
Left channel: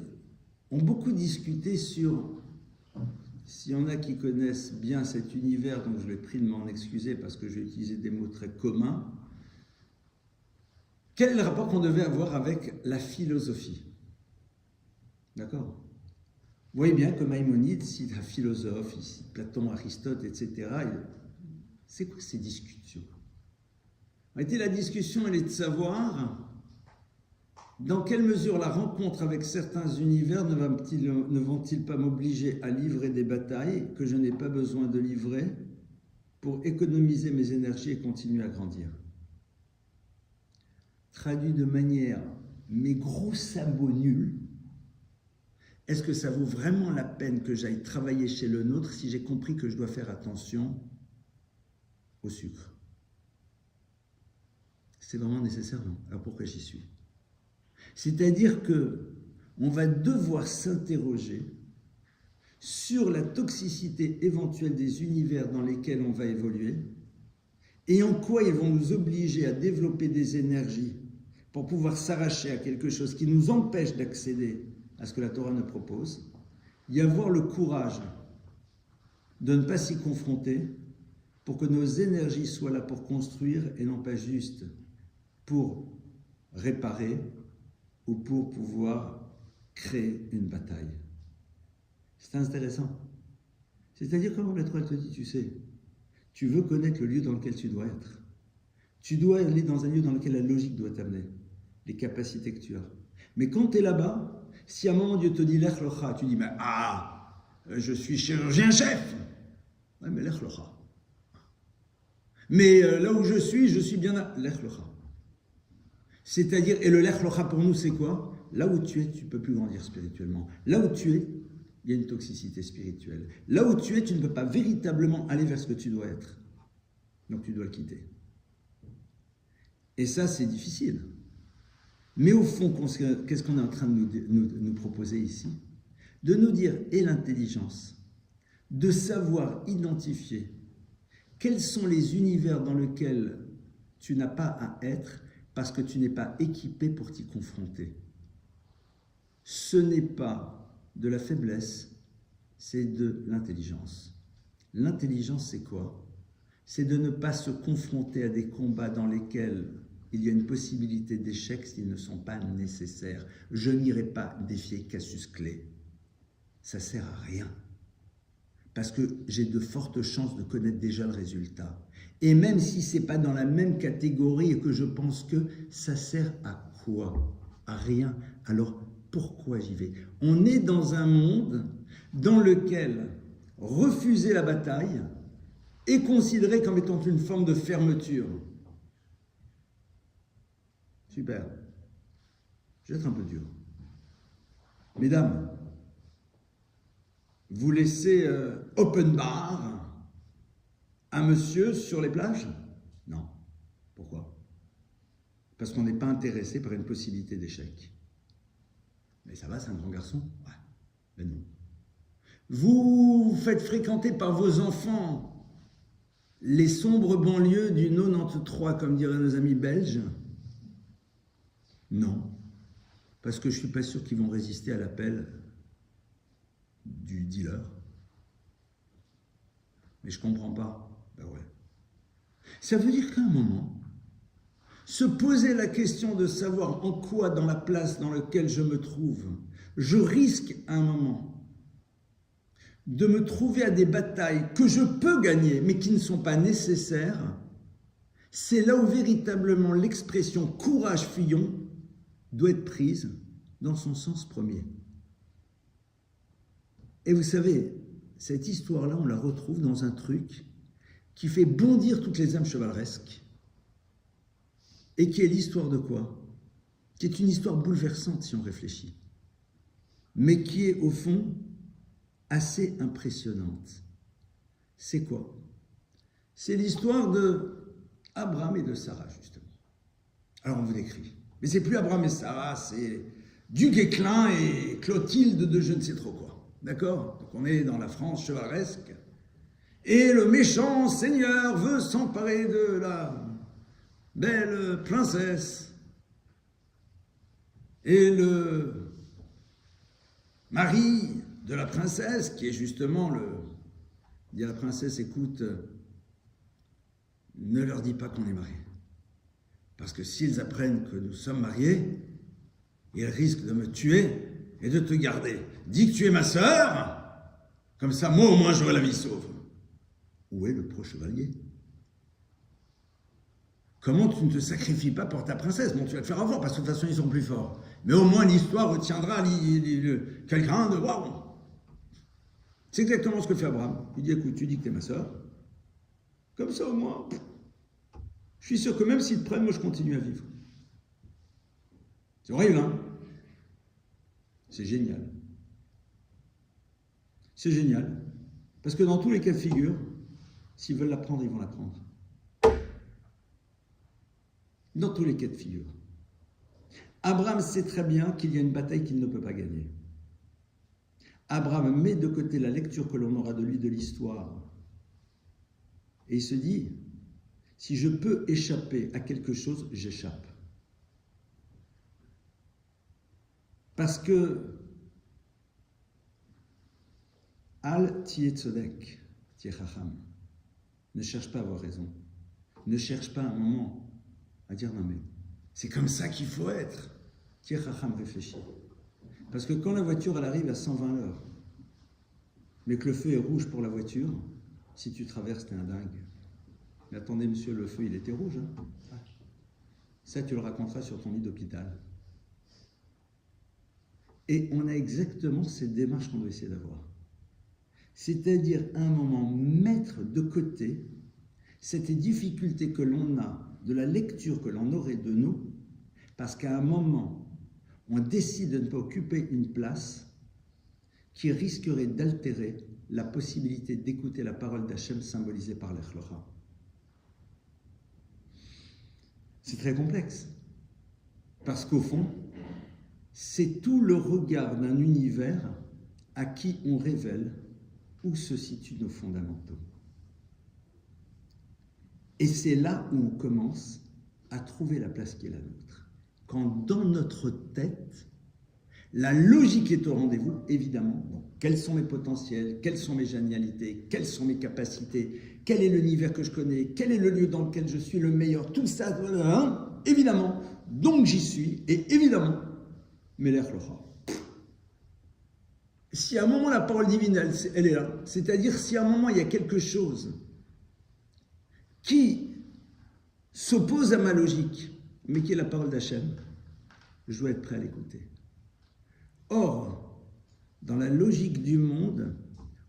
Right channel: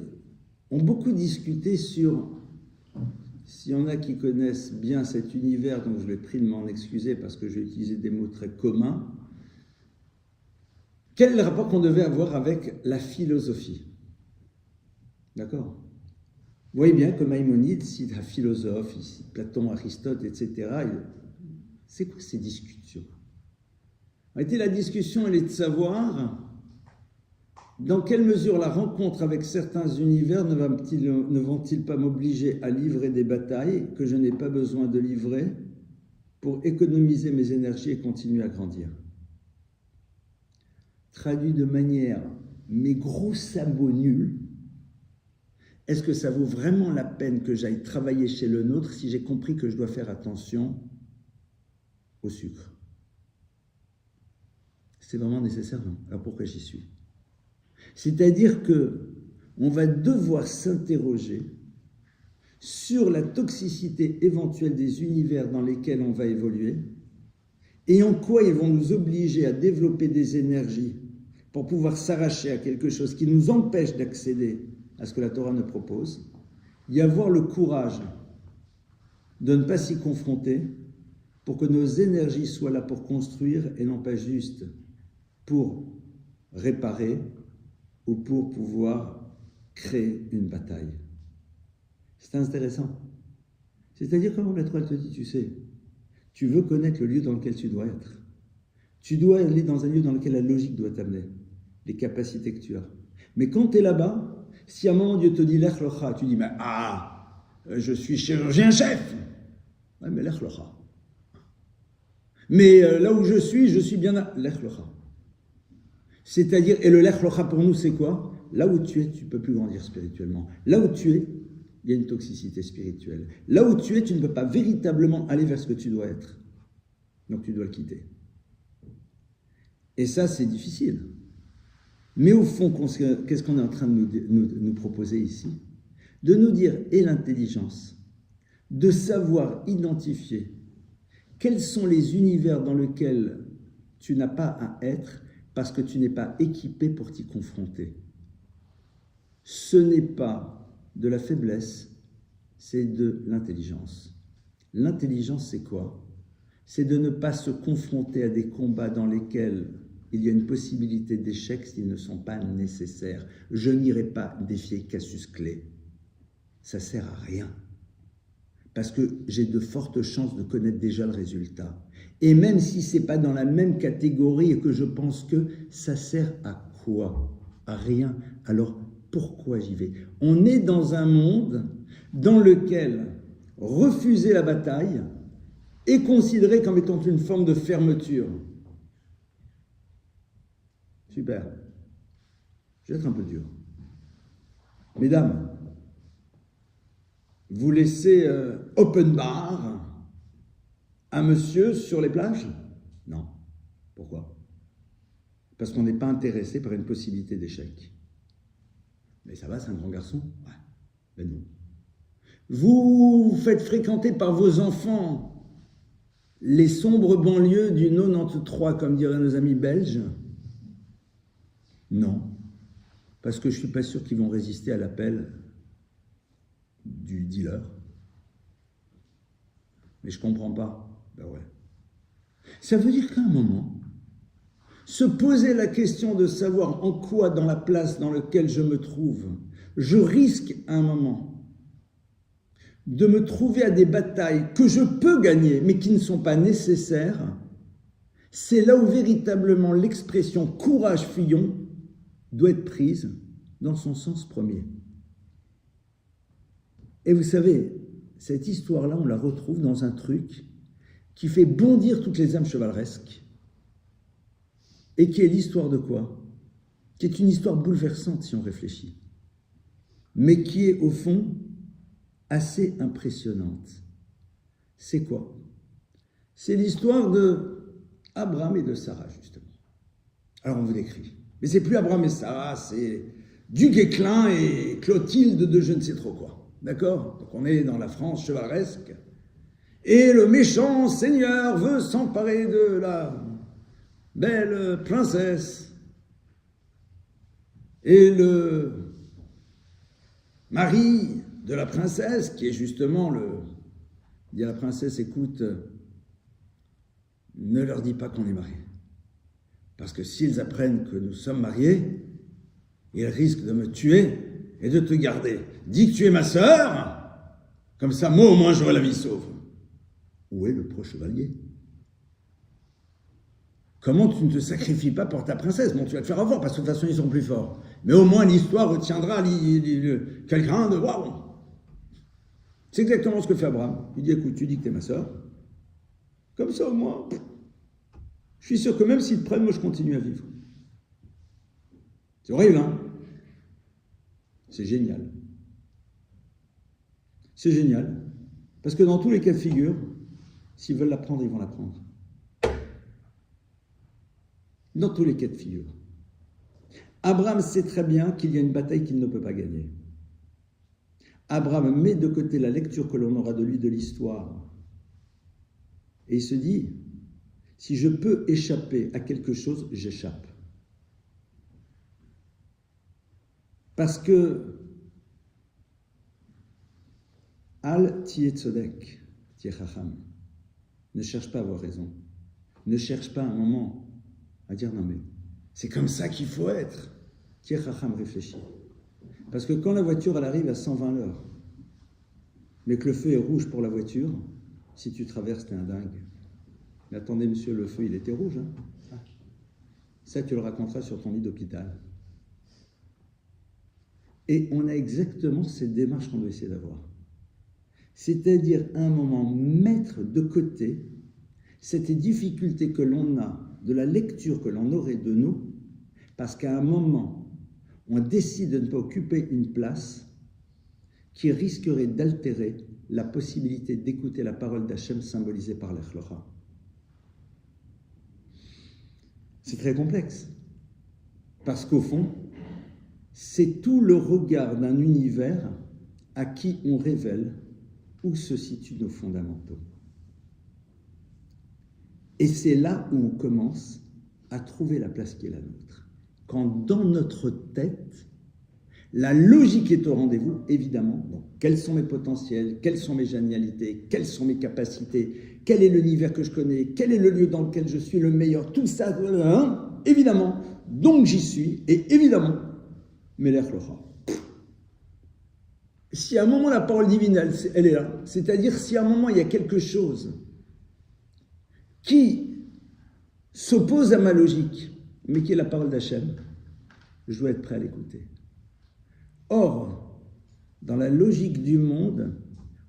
ont beaucoup discuté sur, s'il y en a qui connaissent bien cet univers, donc je vais prie de m'en excuser parce que j'ai utilisé des mots très communs, quel est le rapport qu'on devait avoir avec la philosophie? D'accord? Vous voyez bien que Maïmonide cite un philosophe, il cite Platon, Aristote, etc. C'est quoi ces discussions? En réalité, la discussion, elle est de savoir dans quelle mesure la rencontre avec certains univers ne vont-ils pas m'obliger à livrer des batailles que je n'ai pas besoin de livrer pour économiser mes énergies et continuer à grandir. Traduit de manière, mes gros sabots nuls, est-ce que ça vaut vraiment la peine que j'aille travailler chez le nôtre si j'ai compris que je dois faire attention au sucre? C'est vraiment nécessaire, non? Alors pourquoi j'y suis? C'est-à-dire qu'on va devoir s'interroger sur la toxicité éventuelle des univers dans lesquels on va évoluer et en quoi ils vont nous obliger à développer des énergies pour pouvoir s'arracher à quelque chose qui nous empêche d'accéder à ce que la Torah nous propose, y avoir le courage de ne pas s'y confronter pour que nos énergies soient là pour construire et non pas juste pour réparer ou pour pouvoir créer une bataille. C'est intéressant. C'est-à-dire, quand la Torah te dit, tu sais, tu veux connaître le lieu dans lequel tu dois être. Tu dois aller dans un lieu dans lequel la logique doit t'amener, les capacités que tu as. Mais quand tu es là-bas, si à un moment Dieu te dit l'ech locha, tu dis, mais je suis chirurgien-chef. Ouais, mais l'ech locha. Mais là où je suis bien à l'ech locha. C'est-à-dire, et le l'ech locha pour nous, c'est quoi? Là où tu es, tu ne peux plus grandir spirituellement. Là où tu es, il y a une toxicité spirituelle. Là où tu es, tu ne peux pas véritablement aller vers ce que tu dois être. Donc tu dois le quitter. Et ça, c'est difficile. Mais au fond, qu'est-ce qu'on est en train de nous proposer ici? De nous dire, et l'intelligence, de savoir identifier quels sont les univers dans lesquels tu n'as pas à être parce que tu n'es pas équipé pour t'y confronter. Ce n'est pas de la faiblesse, c'est de l'intelligence. L'intelligence, c'est quoi? C'est de ne pas se confronter à des combats dans lesquels il y a une possibilité d'échec s'ils ne sont pas nécessaires. Je n'irai pas défier Cassius Clay. Ça ne sert à rien. Parce que j'ai de fortes chances de connaître déjà le résultat. Et même si ce n'est pas dans la même catégorie et que je pense que ça sert à quoi? À rien. Alors, pourquoi j'y vais? On est dans un monde dans lequel refuser la bataille est considéré comme étant une forme de fermeture. Super. Je vais être un peu dur. Mesdames, vous laissez open bar à monsieur sur les plages? Non. Pourquoi? Parce qu'on n'est pas intéressé par une possibilité d'échec. Mais ça va, c'est un grand garçon? Ouais. Mais non. Vous faites fréquenter par vos enfants les sombres banlieues du 93, comme diraient nos amis belges? Non. Parce que je ne suis pas sûr qu'ils vont résister à l'appel du dealer. Mais je ne comprends pas. Ben ouais. Ça veut dire qu'à un moment, se poser la question de savoir en quoi, dans la place dans laquelle je me trouve, je risque à un moment de me trouver à des batailles que je peux gagner, mais qui ne sont pas nécessaires, c'est là où véritablement l'expression « courage, fillon » doit être prise dans son sens premier. Et vous savez, cette histoire-là, on la retrouve dans un truc qui fait bondir toutes les âmes chevaleresques et qui est l'histoire de quoi? Qui est une histoire bouleversante si on réfléchit, mais qui est au fond assez impressionnante. C'est quoi? C'est l'histoire de Abraham et de Sarah, justement. Alors on vous décrit. Mais c'est plus Abraham et Sarah, c'est du Guesclin et Clotilde de je ne sais trop quoi. D'accord? Donc on est dans la France chevaleresque. Et le méchant seigneur veut s'emparer de la belle princesse. Et le mari de la princesse, qui est justement il dit à la princesse, écoute, ne leur dis pas qu'on est mariés. Parce que s'ils apprennent que nous sommes mariés, ils risquent de me tuer et de te garder. Dis que tu es ma sœur, comme ça, moi au moins j'aurai la vie sauve. Où est le pro-chevalier? Comment tu ne te sacrifies pas pour ta princesse? Bon, tu vas te faire avoir, parce que de toute façon, ils sont plus forts. Mais au moins, l'histoire retiendra quelqu'un de waouh. C'est exactement ce que fait Abraham. Il dit, écoute, tu dis que tu es ma sœur. Comme ça, au moins, je suis sûr que même s'ils te prennent, moi, je continue à vivre. C'est horrible, hein? C'est génial. C'est génial. Parce que dans tous les cas de figure, s'ils veulent la prendre, ils vont la prendre. Dans tous les cas de figure. Abraham sait très bien qu'il y a une bataille qu'il ne peut pas gagner. Abraham met de côté la lecture que l'on aura de lui de l'histoire. Et il se dit, si je peux échapper à quelque chose, j'échappe. Parce que Al tiye tzodek, tiye chacham. Ne cherche pas à avoir raison. Ne cherche pas un moment à dire non mais c'est comme ça qu'il faut être. Tiye chacham, réfléchis. Parce que quand la voiture elle arrive à 120 l'heure mais que le feu est rouge pour la voiture, si tu traverses, t'es un dingue. Mais attendez, monsieur, le feu, il était rouge. Hein. Ça, tu le raconteras sur ton lit d'hôpital. Et on a exactement cette démarche qu'on doit essayer d'avoir. C'est-à-dire, à un moment, mettre de côté cette difficulté que l'on a de la lecture que l'on aurait de nous, parce qu'à un moment, on décide de ne pas occuper une place qui risquerait d'altérer la possibilité d'écouter la parole d'Hachem symbolisée par l'Echlocha. C'est très complexe, parce qu'au fond, c'est tout le regard d'un univers à qui on révèle où se situent nos fondamentaux. Et c'est là où on commence à trouver la place qui est la nôtre. Quand dans notre tête, la logique est au rendez-vous, évidemment. Donc, quels sont mes potentiels, quelles sont mes génialités, quelles sont mes capacités, quel est l'univers que je connais, quel est le lieu dans lequel je suis le meilleur, tout ça, évidemment. Donc j'y suis, et évidemment, Melech Locha. Si à un moment la parole divine, elle est là, c'est-à-dire si à un moment il y a quelque chose qui s'oppose à ma logique, mais qui est la parole d'Hachem, je dois être prêt à l'écouter. Or, dans la logique du monde,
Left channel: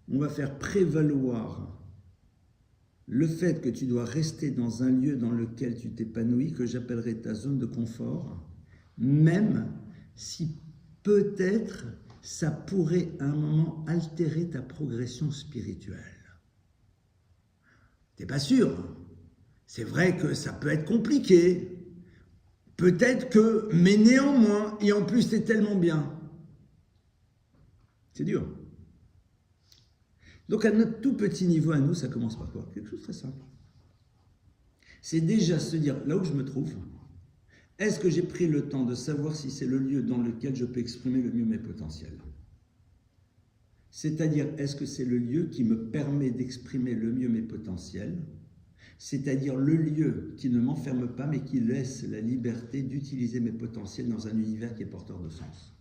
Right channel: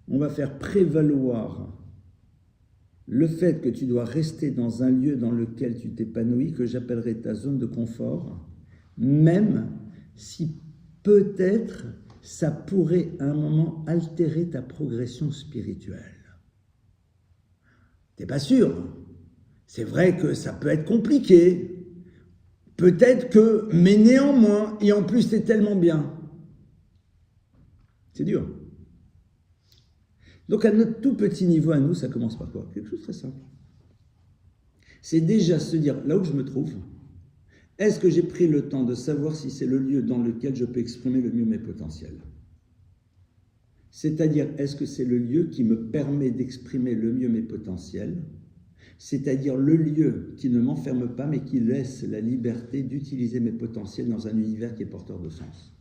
on va faire prévaloir le fait que tu dois rester dans un lieu dans lequel tu t'épanouis, que j'appellerais ta zone de confort, même si peut-être ça pourrait à un moment altérer ta progression spirituelle. T'es pas sûr. C'est vrai que ça peut être compliqué. Peut-être que, mais néanmoins, et en plus c'est tellement bien. C'est dur. Donc à notre tout petit niveau à nous, ça commence par quoi? Quelque chose de très simple. C'est déjà se dire, là où je me trouve, est-ce que j'ai pris le temps de savoir si c'est le lieu dans lequel je peux exprimer le mieux mes potentiels? C'est-à-dire, est-ce que c'est le lieu qui me permet d'exprimer le mieux mes potentiels? C'est-à-dire le lieu qui ne m'enferme pas, mais qui laisse la liberté d'utiliser mes potentiels dans un univers qui est porteur de sens.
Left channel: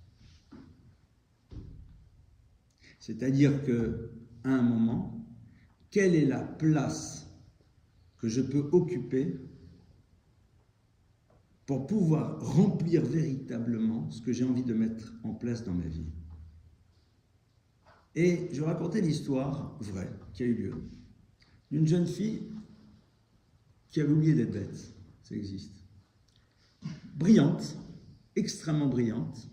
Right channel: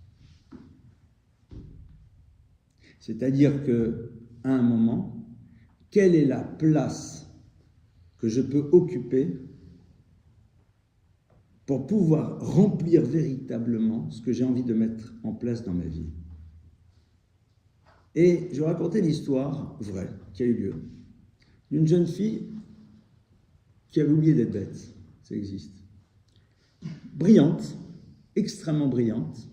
C'est-à-dire qu'à un moment, quelle est la place que je peux occuper pour pouvoir remplir véritablement ce que j'ai envie de mettre en place dans ma vie? Et je vais raconter l'histoire vraie qui a eu lieu d'une jeune fille qui avait oublié d'être bête, ça existe. Brillante, extrêmement brillante,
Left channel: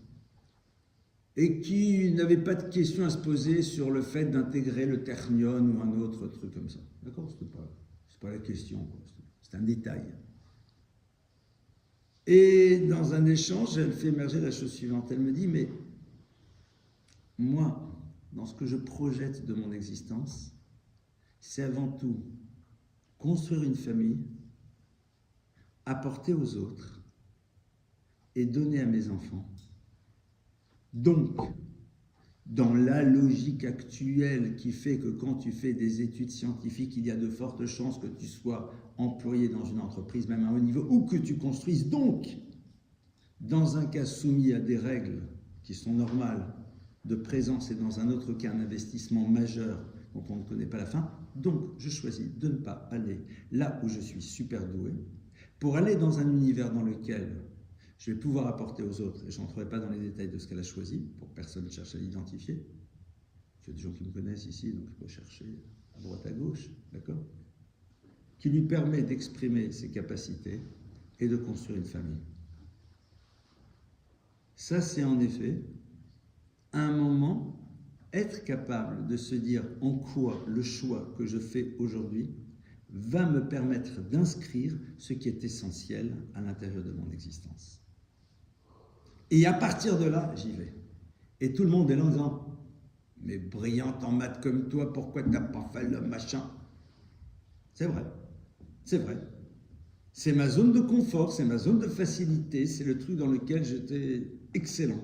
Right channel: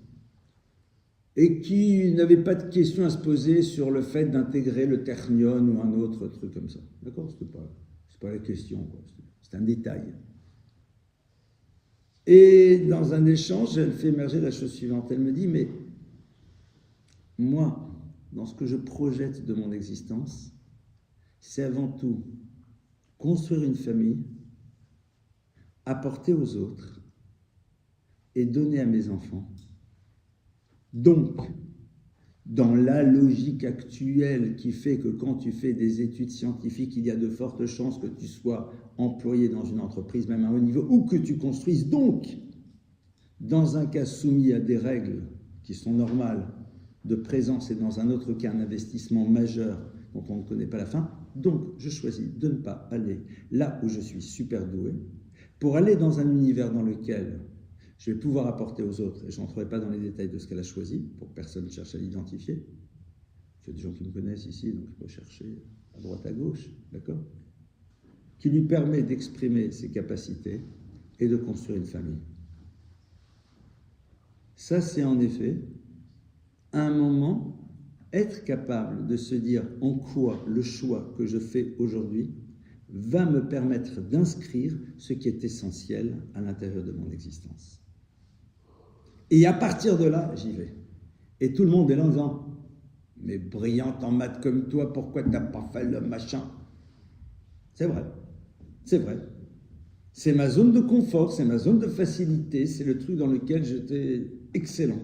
et qui n'avait pas de question à se poser sur le fait d'intégrer le Ternion ou un autre truc comme ça. D'accord? C'est pas la question, quoi. C'est un détail. Et dans un échange, elle fait émerger la chose suivante. Elle me dit, mais moi, dans ce que je projette de mon existence, c'est avant tout construire une famille, apporter aux autres et donner à mes enfants. Donc, dans la logique actuelle qui fait que quand tu fais des études scientifiques, il y a de fortes chances que tu sois employé dans une entreprise, même à haut niveau, ou que tu construises donc, dans un cas soumis à des règles qui sont normales de présence et dans un autre cas un investissement majeur dont on ne connaît pas la fin. Donc, je choisis de ne pas aller là où je suis super doué pour aller dans un univers dans lequel je vais pouvoir apporter aux autres, et je n'entrerai pas dans les détails de ce qu'elle a choisi, pour que personne ne cherche à l'identifier. Il y a des gens qui me connaissent ici, donc je peux chercher à droite, à gauche, d'accord? Qui lui permet d'exprimer ses capacités et de construire une famille. Ça, c'est en effet, à un moment, être capable de se dire en quoi le choix que je fais aujourd'hui va me permettre d'inscrire ce qui est essentiel à l'intérieur de mon existence. Et à partir de là, j'y vais. Et tout le monde est là en disant « Mais brillante en maths comme toi, pourquoi tu n'as pas fait le machin ?» C'est vrai, c'est vrai. C'est ma zone de confort, c'est ma zone de facilité, c'est le truc dans lequel j'étais excellent.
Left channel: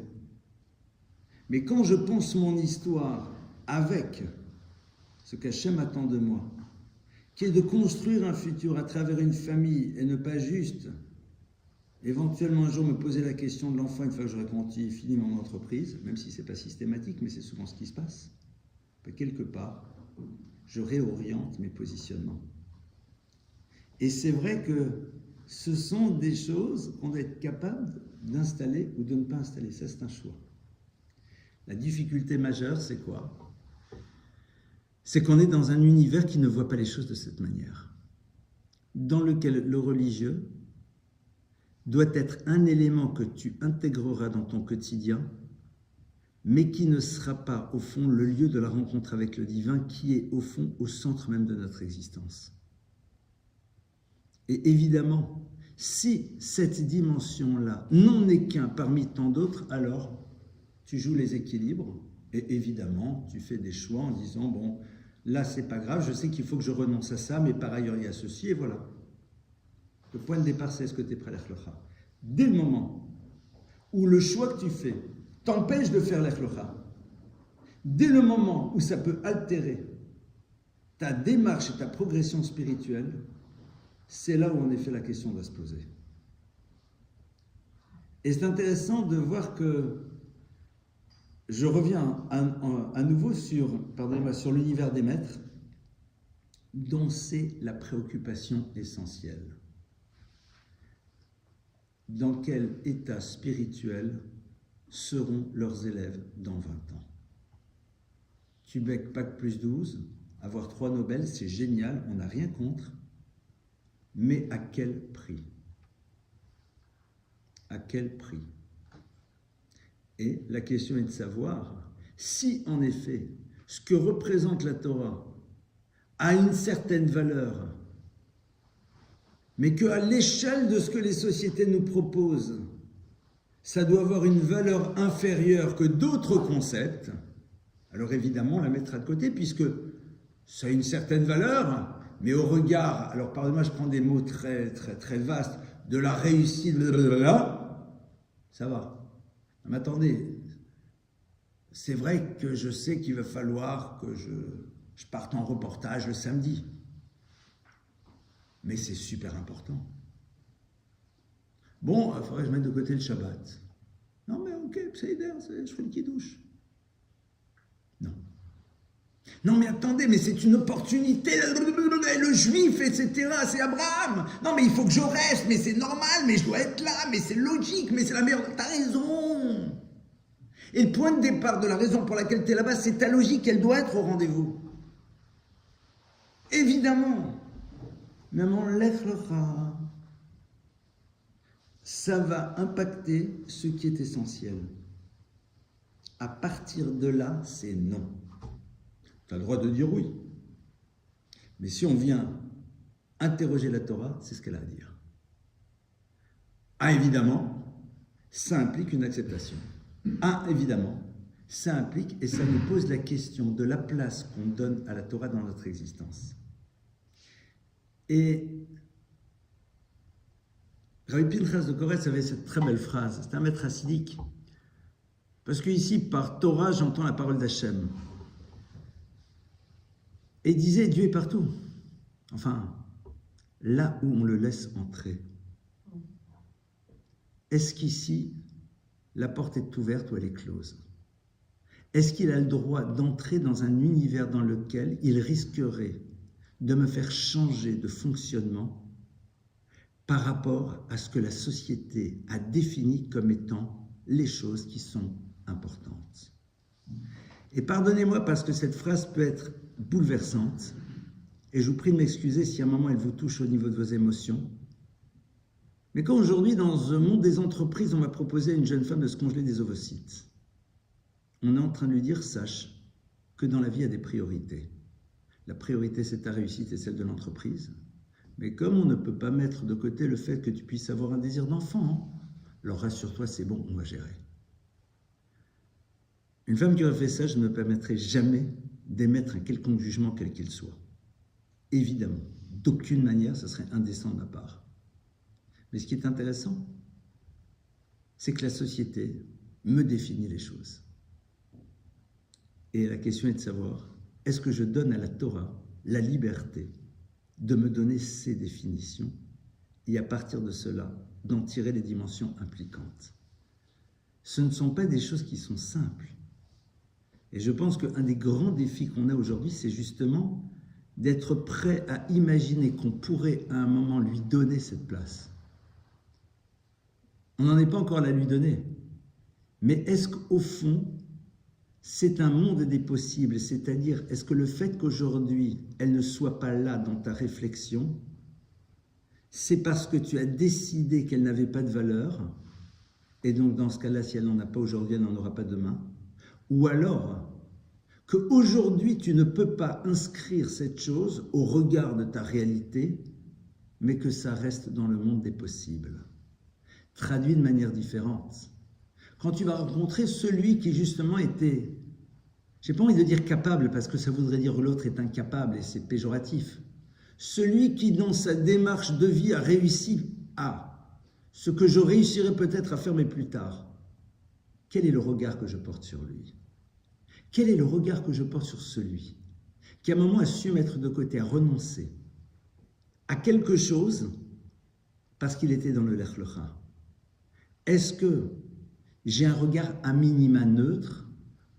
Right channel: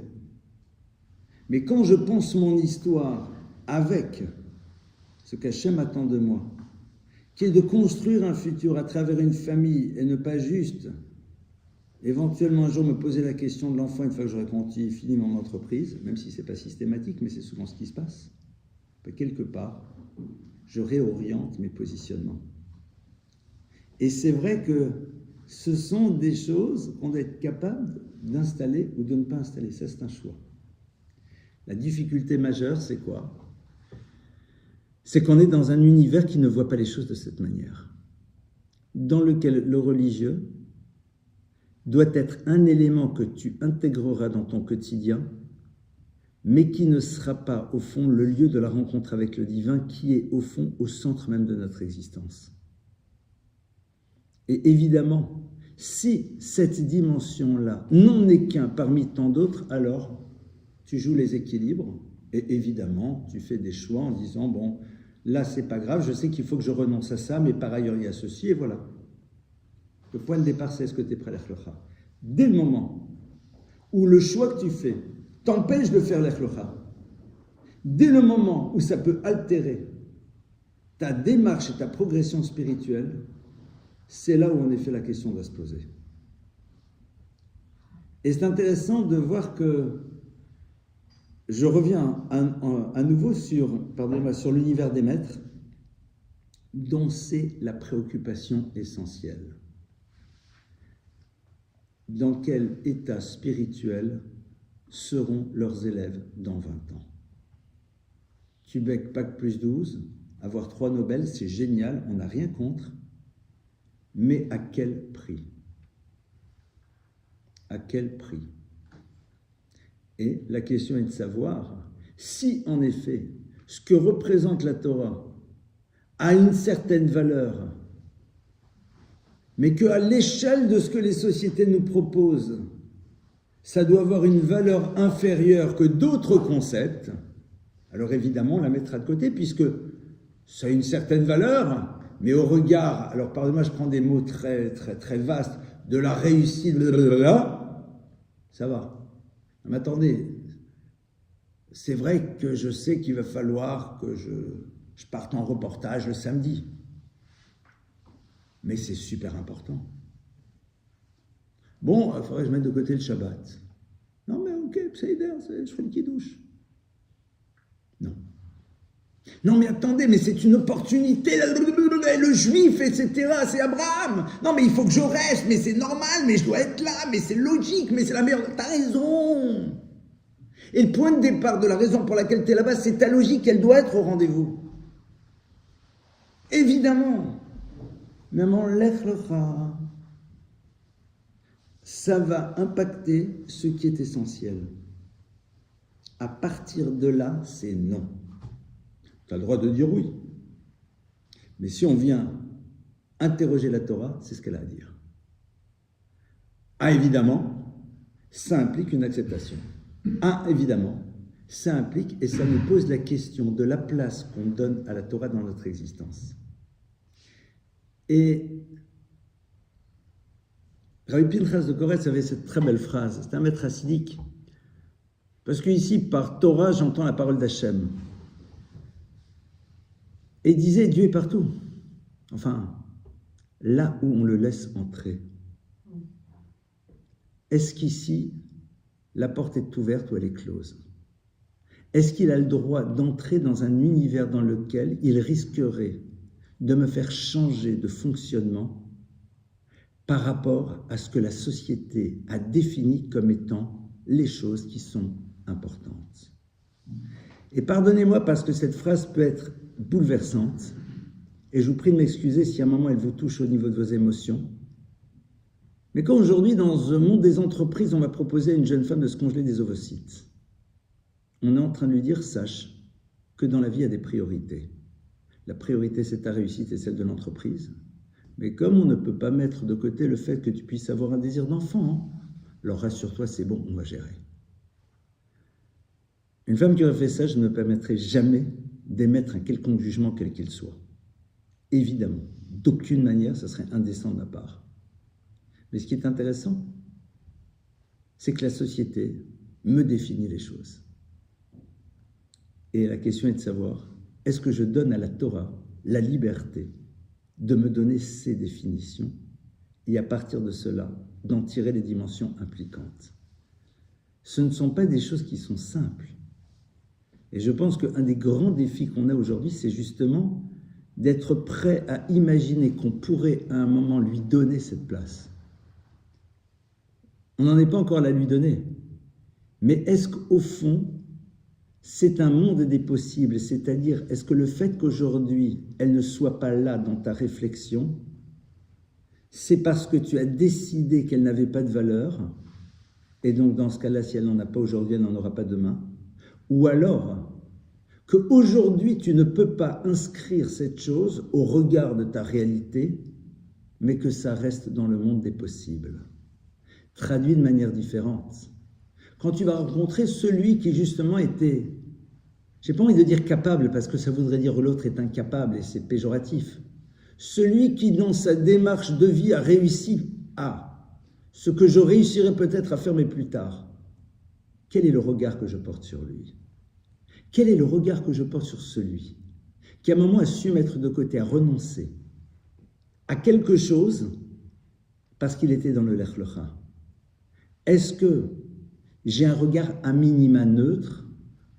Mais quand je pense mon histoire avec ce qu'Hachem attend de moi, qui est de construire un futur à travers une famille et ne pas juste éventuellement un jour me poser la question de l'enfant une fois que j'aurai fini mon entreprise, même si ce n'est pas systématique, mais c'est souvent ce qui se passe. quelque part, je réoriente mes positionnements. Et c'est vrai que ce sont des choses qu'on doit être capable d'installer ou de ne pas installer. Ça, c'est un choix. La difficulté majeure, c'est quoi? C'est qu'on est dans un univers qui ne voit pas les choses de cette manière, dans lequel le religieux doit être un élément que tu intégreras dans ton quotidien, mais qui ne sera pas, au fond, le lieu de la rencontre avec le divin, qui est, au fond, au centre même de notre existence. Et évidemment, si cette dimension-là n'en est qu'un parmi tant d'autres, alors tu joues les équilibres, et évidemment, tu fais des choix en disant, bon, là, c'est pas grave, je sais qu'il faut que je renonce à ça, mais par ailleurs, il y a ceci, et voilà. Le point de départ, c'est est-ce que tu es prêt à l'Echlocha? Dès le moment où le choix que tu fais t'empêche de faire l'Echlocha, dès le moment où ça peut altérer ta démarche et ta progression spirituelle, c'est là où en effet la question doit se poser. Et c'est intéressant de voir que je reviens à nouveau sur l'univers des maîtres, dont c'est la préoccupation essentielle. Dans quel état spirituel seront leurs élèves dans 20 ans? Tu becques Bac plus 12, avoir 3 Nobel, c'est génial, on n'a rien contre, mais à quel prix? À quel prix? Et la question est de savoir si, en effet, ce que représente la Torah a une certaine valeur, mais qu'à l'échelle de ce que les sociétés nous proposent, ça doit avoir une valeur inférieure que d'autres concepts, alors évidemment, on la mettra de côté, puisque ça a une certaine valeur, mais au regard, alors pardonnez-moi, je prends des mots très, très, très vastes, de la réussite, ça va. Mais attendez, c'est vrai que je sais qu'il va falloir que je parte en reportage le samedi. Mais c'est super important. Bon, il faudrait que je mette de côté le Shabbat. Non mais ok, je ferai le kidouche. Non. Non mais attendez, mais c'est une opportunité, le juif, etc., c'est Abraham. Non mais il faut que je reste, mais c'est normal, mais je dois être là, mais c'est logique, mais c'est la meilleure... T'as raison. Et le point de départ de la raison pour laquelle tu es là-bas, c'est ta logique, elle doit être au rendez-vous. Évidemment. Même en Lech Lecha, ça va impacter ce qui est essentiel. À partir de là, c'est non. Tu as le droit de dire oui. Mais si on vient interroger la Torah, c'est ce qu'elle a à dire. Ah, évidemment, ça implique une acceptation. Ah, évidemment, ça implique et ça nous pose la question de la place qu'on donne à la Torah dans notre existence. Et Rabbi Pinchas de Koretz avait cette très belle phrase, c'est un maître hassidique, parce qu'ici, par Torah, j'entends la parole d'Hachem. Et il disait, Dieu est partout. Enfin, là où on le laisse entrer. Est-ce qu'ici, la porte est ouverte ou elle est close? Est-ce qu'il a le droit d'entrer dans un univers dans lequel il risquerait de me faire changer de fonctionnement par rapport à ce que la société a défini comme étant les choses qui sont importantes? Et pardonnez-moi parce que cette phrase peut être bouleversante, et je vous prie de m'excuser si à un moment elle vous touche au niveau de vos émotions. Mais quand aujourd'hui, dans le monde des entreprises, on va proposer à une jeune femme de se congeler des ovocytes, on est en train de lui dire, sache que dans la vie, il y a des priorités. La priorité, c'est ta réussite et celle de l'entreprise. Mais comme on ne peut pas mettre de côté le fait que tu puisses avoir un désir d'enfant, alors rassure-toi, c'est bon, on va gérer. Une femme qui aurait fait ça, je ne me permettrai jamais d'émettre un quelconque jugement, quel qu'il soit. Évidemment, d'aucune manière, ça serait indécent de ma part. Mais ce qui est intéressant, c'est que la société me définit les choses. Et la question est de savoir, est-ce que je donne à la Torah la liberté de me donner ses définitions et à partir de cela, d'en tirer les dimensions impliquantes? Ce ne sont pas des choses qui sont simples. Et je pense qu'un des grands défis qu'on a aujourd'hui, c'est justement d'être prêt à imaginer qu'on pourrait à un moment lui donner cette place. On n'en est pas encore à la lui donner. Mais est-ce qu'au fond, c'est un monde des possibles? C'est-à-dire, est-ce que le fait qu'aujourd'hui, elle ne soit pas là dans ta réflexion, c'est parce que tu as décidé qu'elle n'avait pas de valeur, et donc dans ce cas-là, si elle n'en a pas aujourd'hui, elle n'en aura pas demain, ou alors qu'aujourd'hui, tu ne peux pas inscrire cette chose au regard de ta réalité, mais que ça reste dans le monde des possibles. Traduit de manière différente. Quand tu vas rencontrer celui qui justement était, j'ai pas envie de dire capable, parce que ça voudrait dire que l'autre est incapable, et c'est péjoratif. Celui qui, dans sa démarche de vie, a réussi à ce que je réussirais peut-être à faire, mais plus tard. Quel est le regard que je porte sur lui? Quel est le regard que je porte sur celui qui, à un moment, a su mettre de côté, a renoncé à quelque chose parce qu'il était dans le Lech Lecha? Est-ce que j'ai un regard à minima neutre,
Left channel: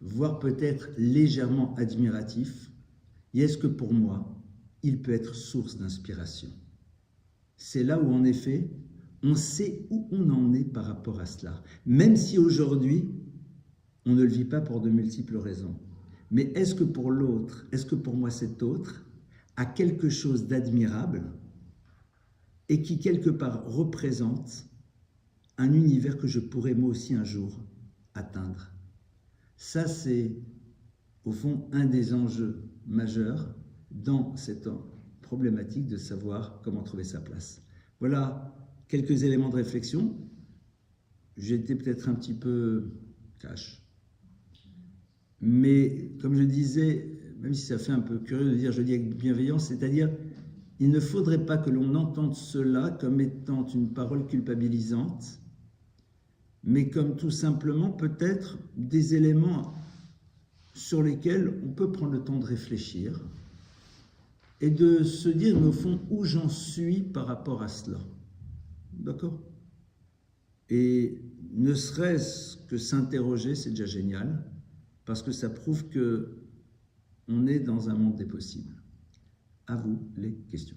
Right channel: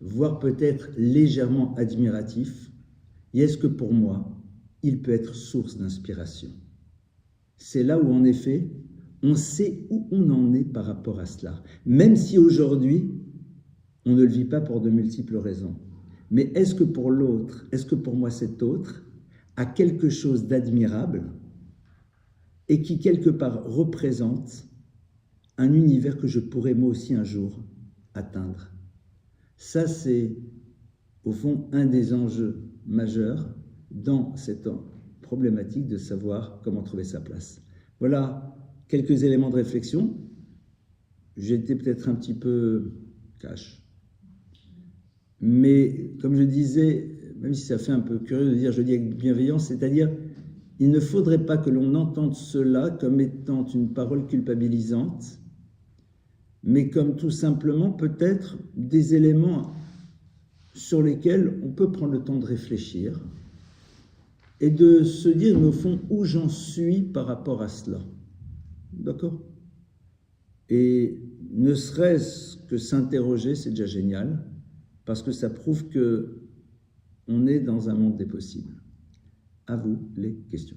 voire peut-être légèrement admiratif, et est-ce que pour moi, il peut être source d'inspiration? C'est là où, en effet, on sait où on en est par rapport à cela. Même si aujourd'hui, on ne le vit pas pour de multiples raisons. Mais est-ce que pour l'autre, est-ce que pour moi cet autre a quelque chose d'admirable et qui quelque part représente un univers que je pourrais moi aussi un jour atteindre? Ça, c'est au fond un des enjeux majeurs dans cette problématique de savoir comment trouver sa place. Voilà quelques éléments de réflexion. J'ai été peut-être un petit peu cash. Mais comme je disais, même si ça fait un peu curieux de dire je dis avec bienveillance, c'est-à-dire il ne faudrait pas que l'on entende cela comme étant une parole culpabilisante, mais comme tout simplement peut-être des éléments sur lesquels on peut prendre le temps de réfléchir et de se dire, mais au fond, où j'en suis par rapport à cela. D'accord? Et ne serait-ce que s'interroger, c'est déjà génial, parce que ça prouve qu'on est dans un monde des possibles. À vous les questions.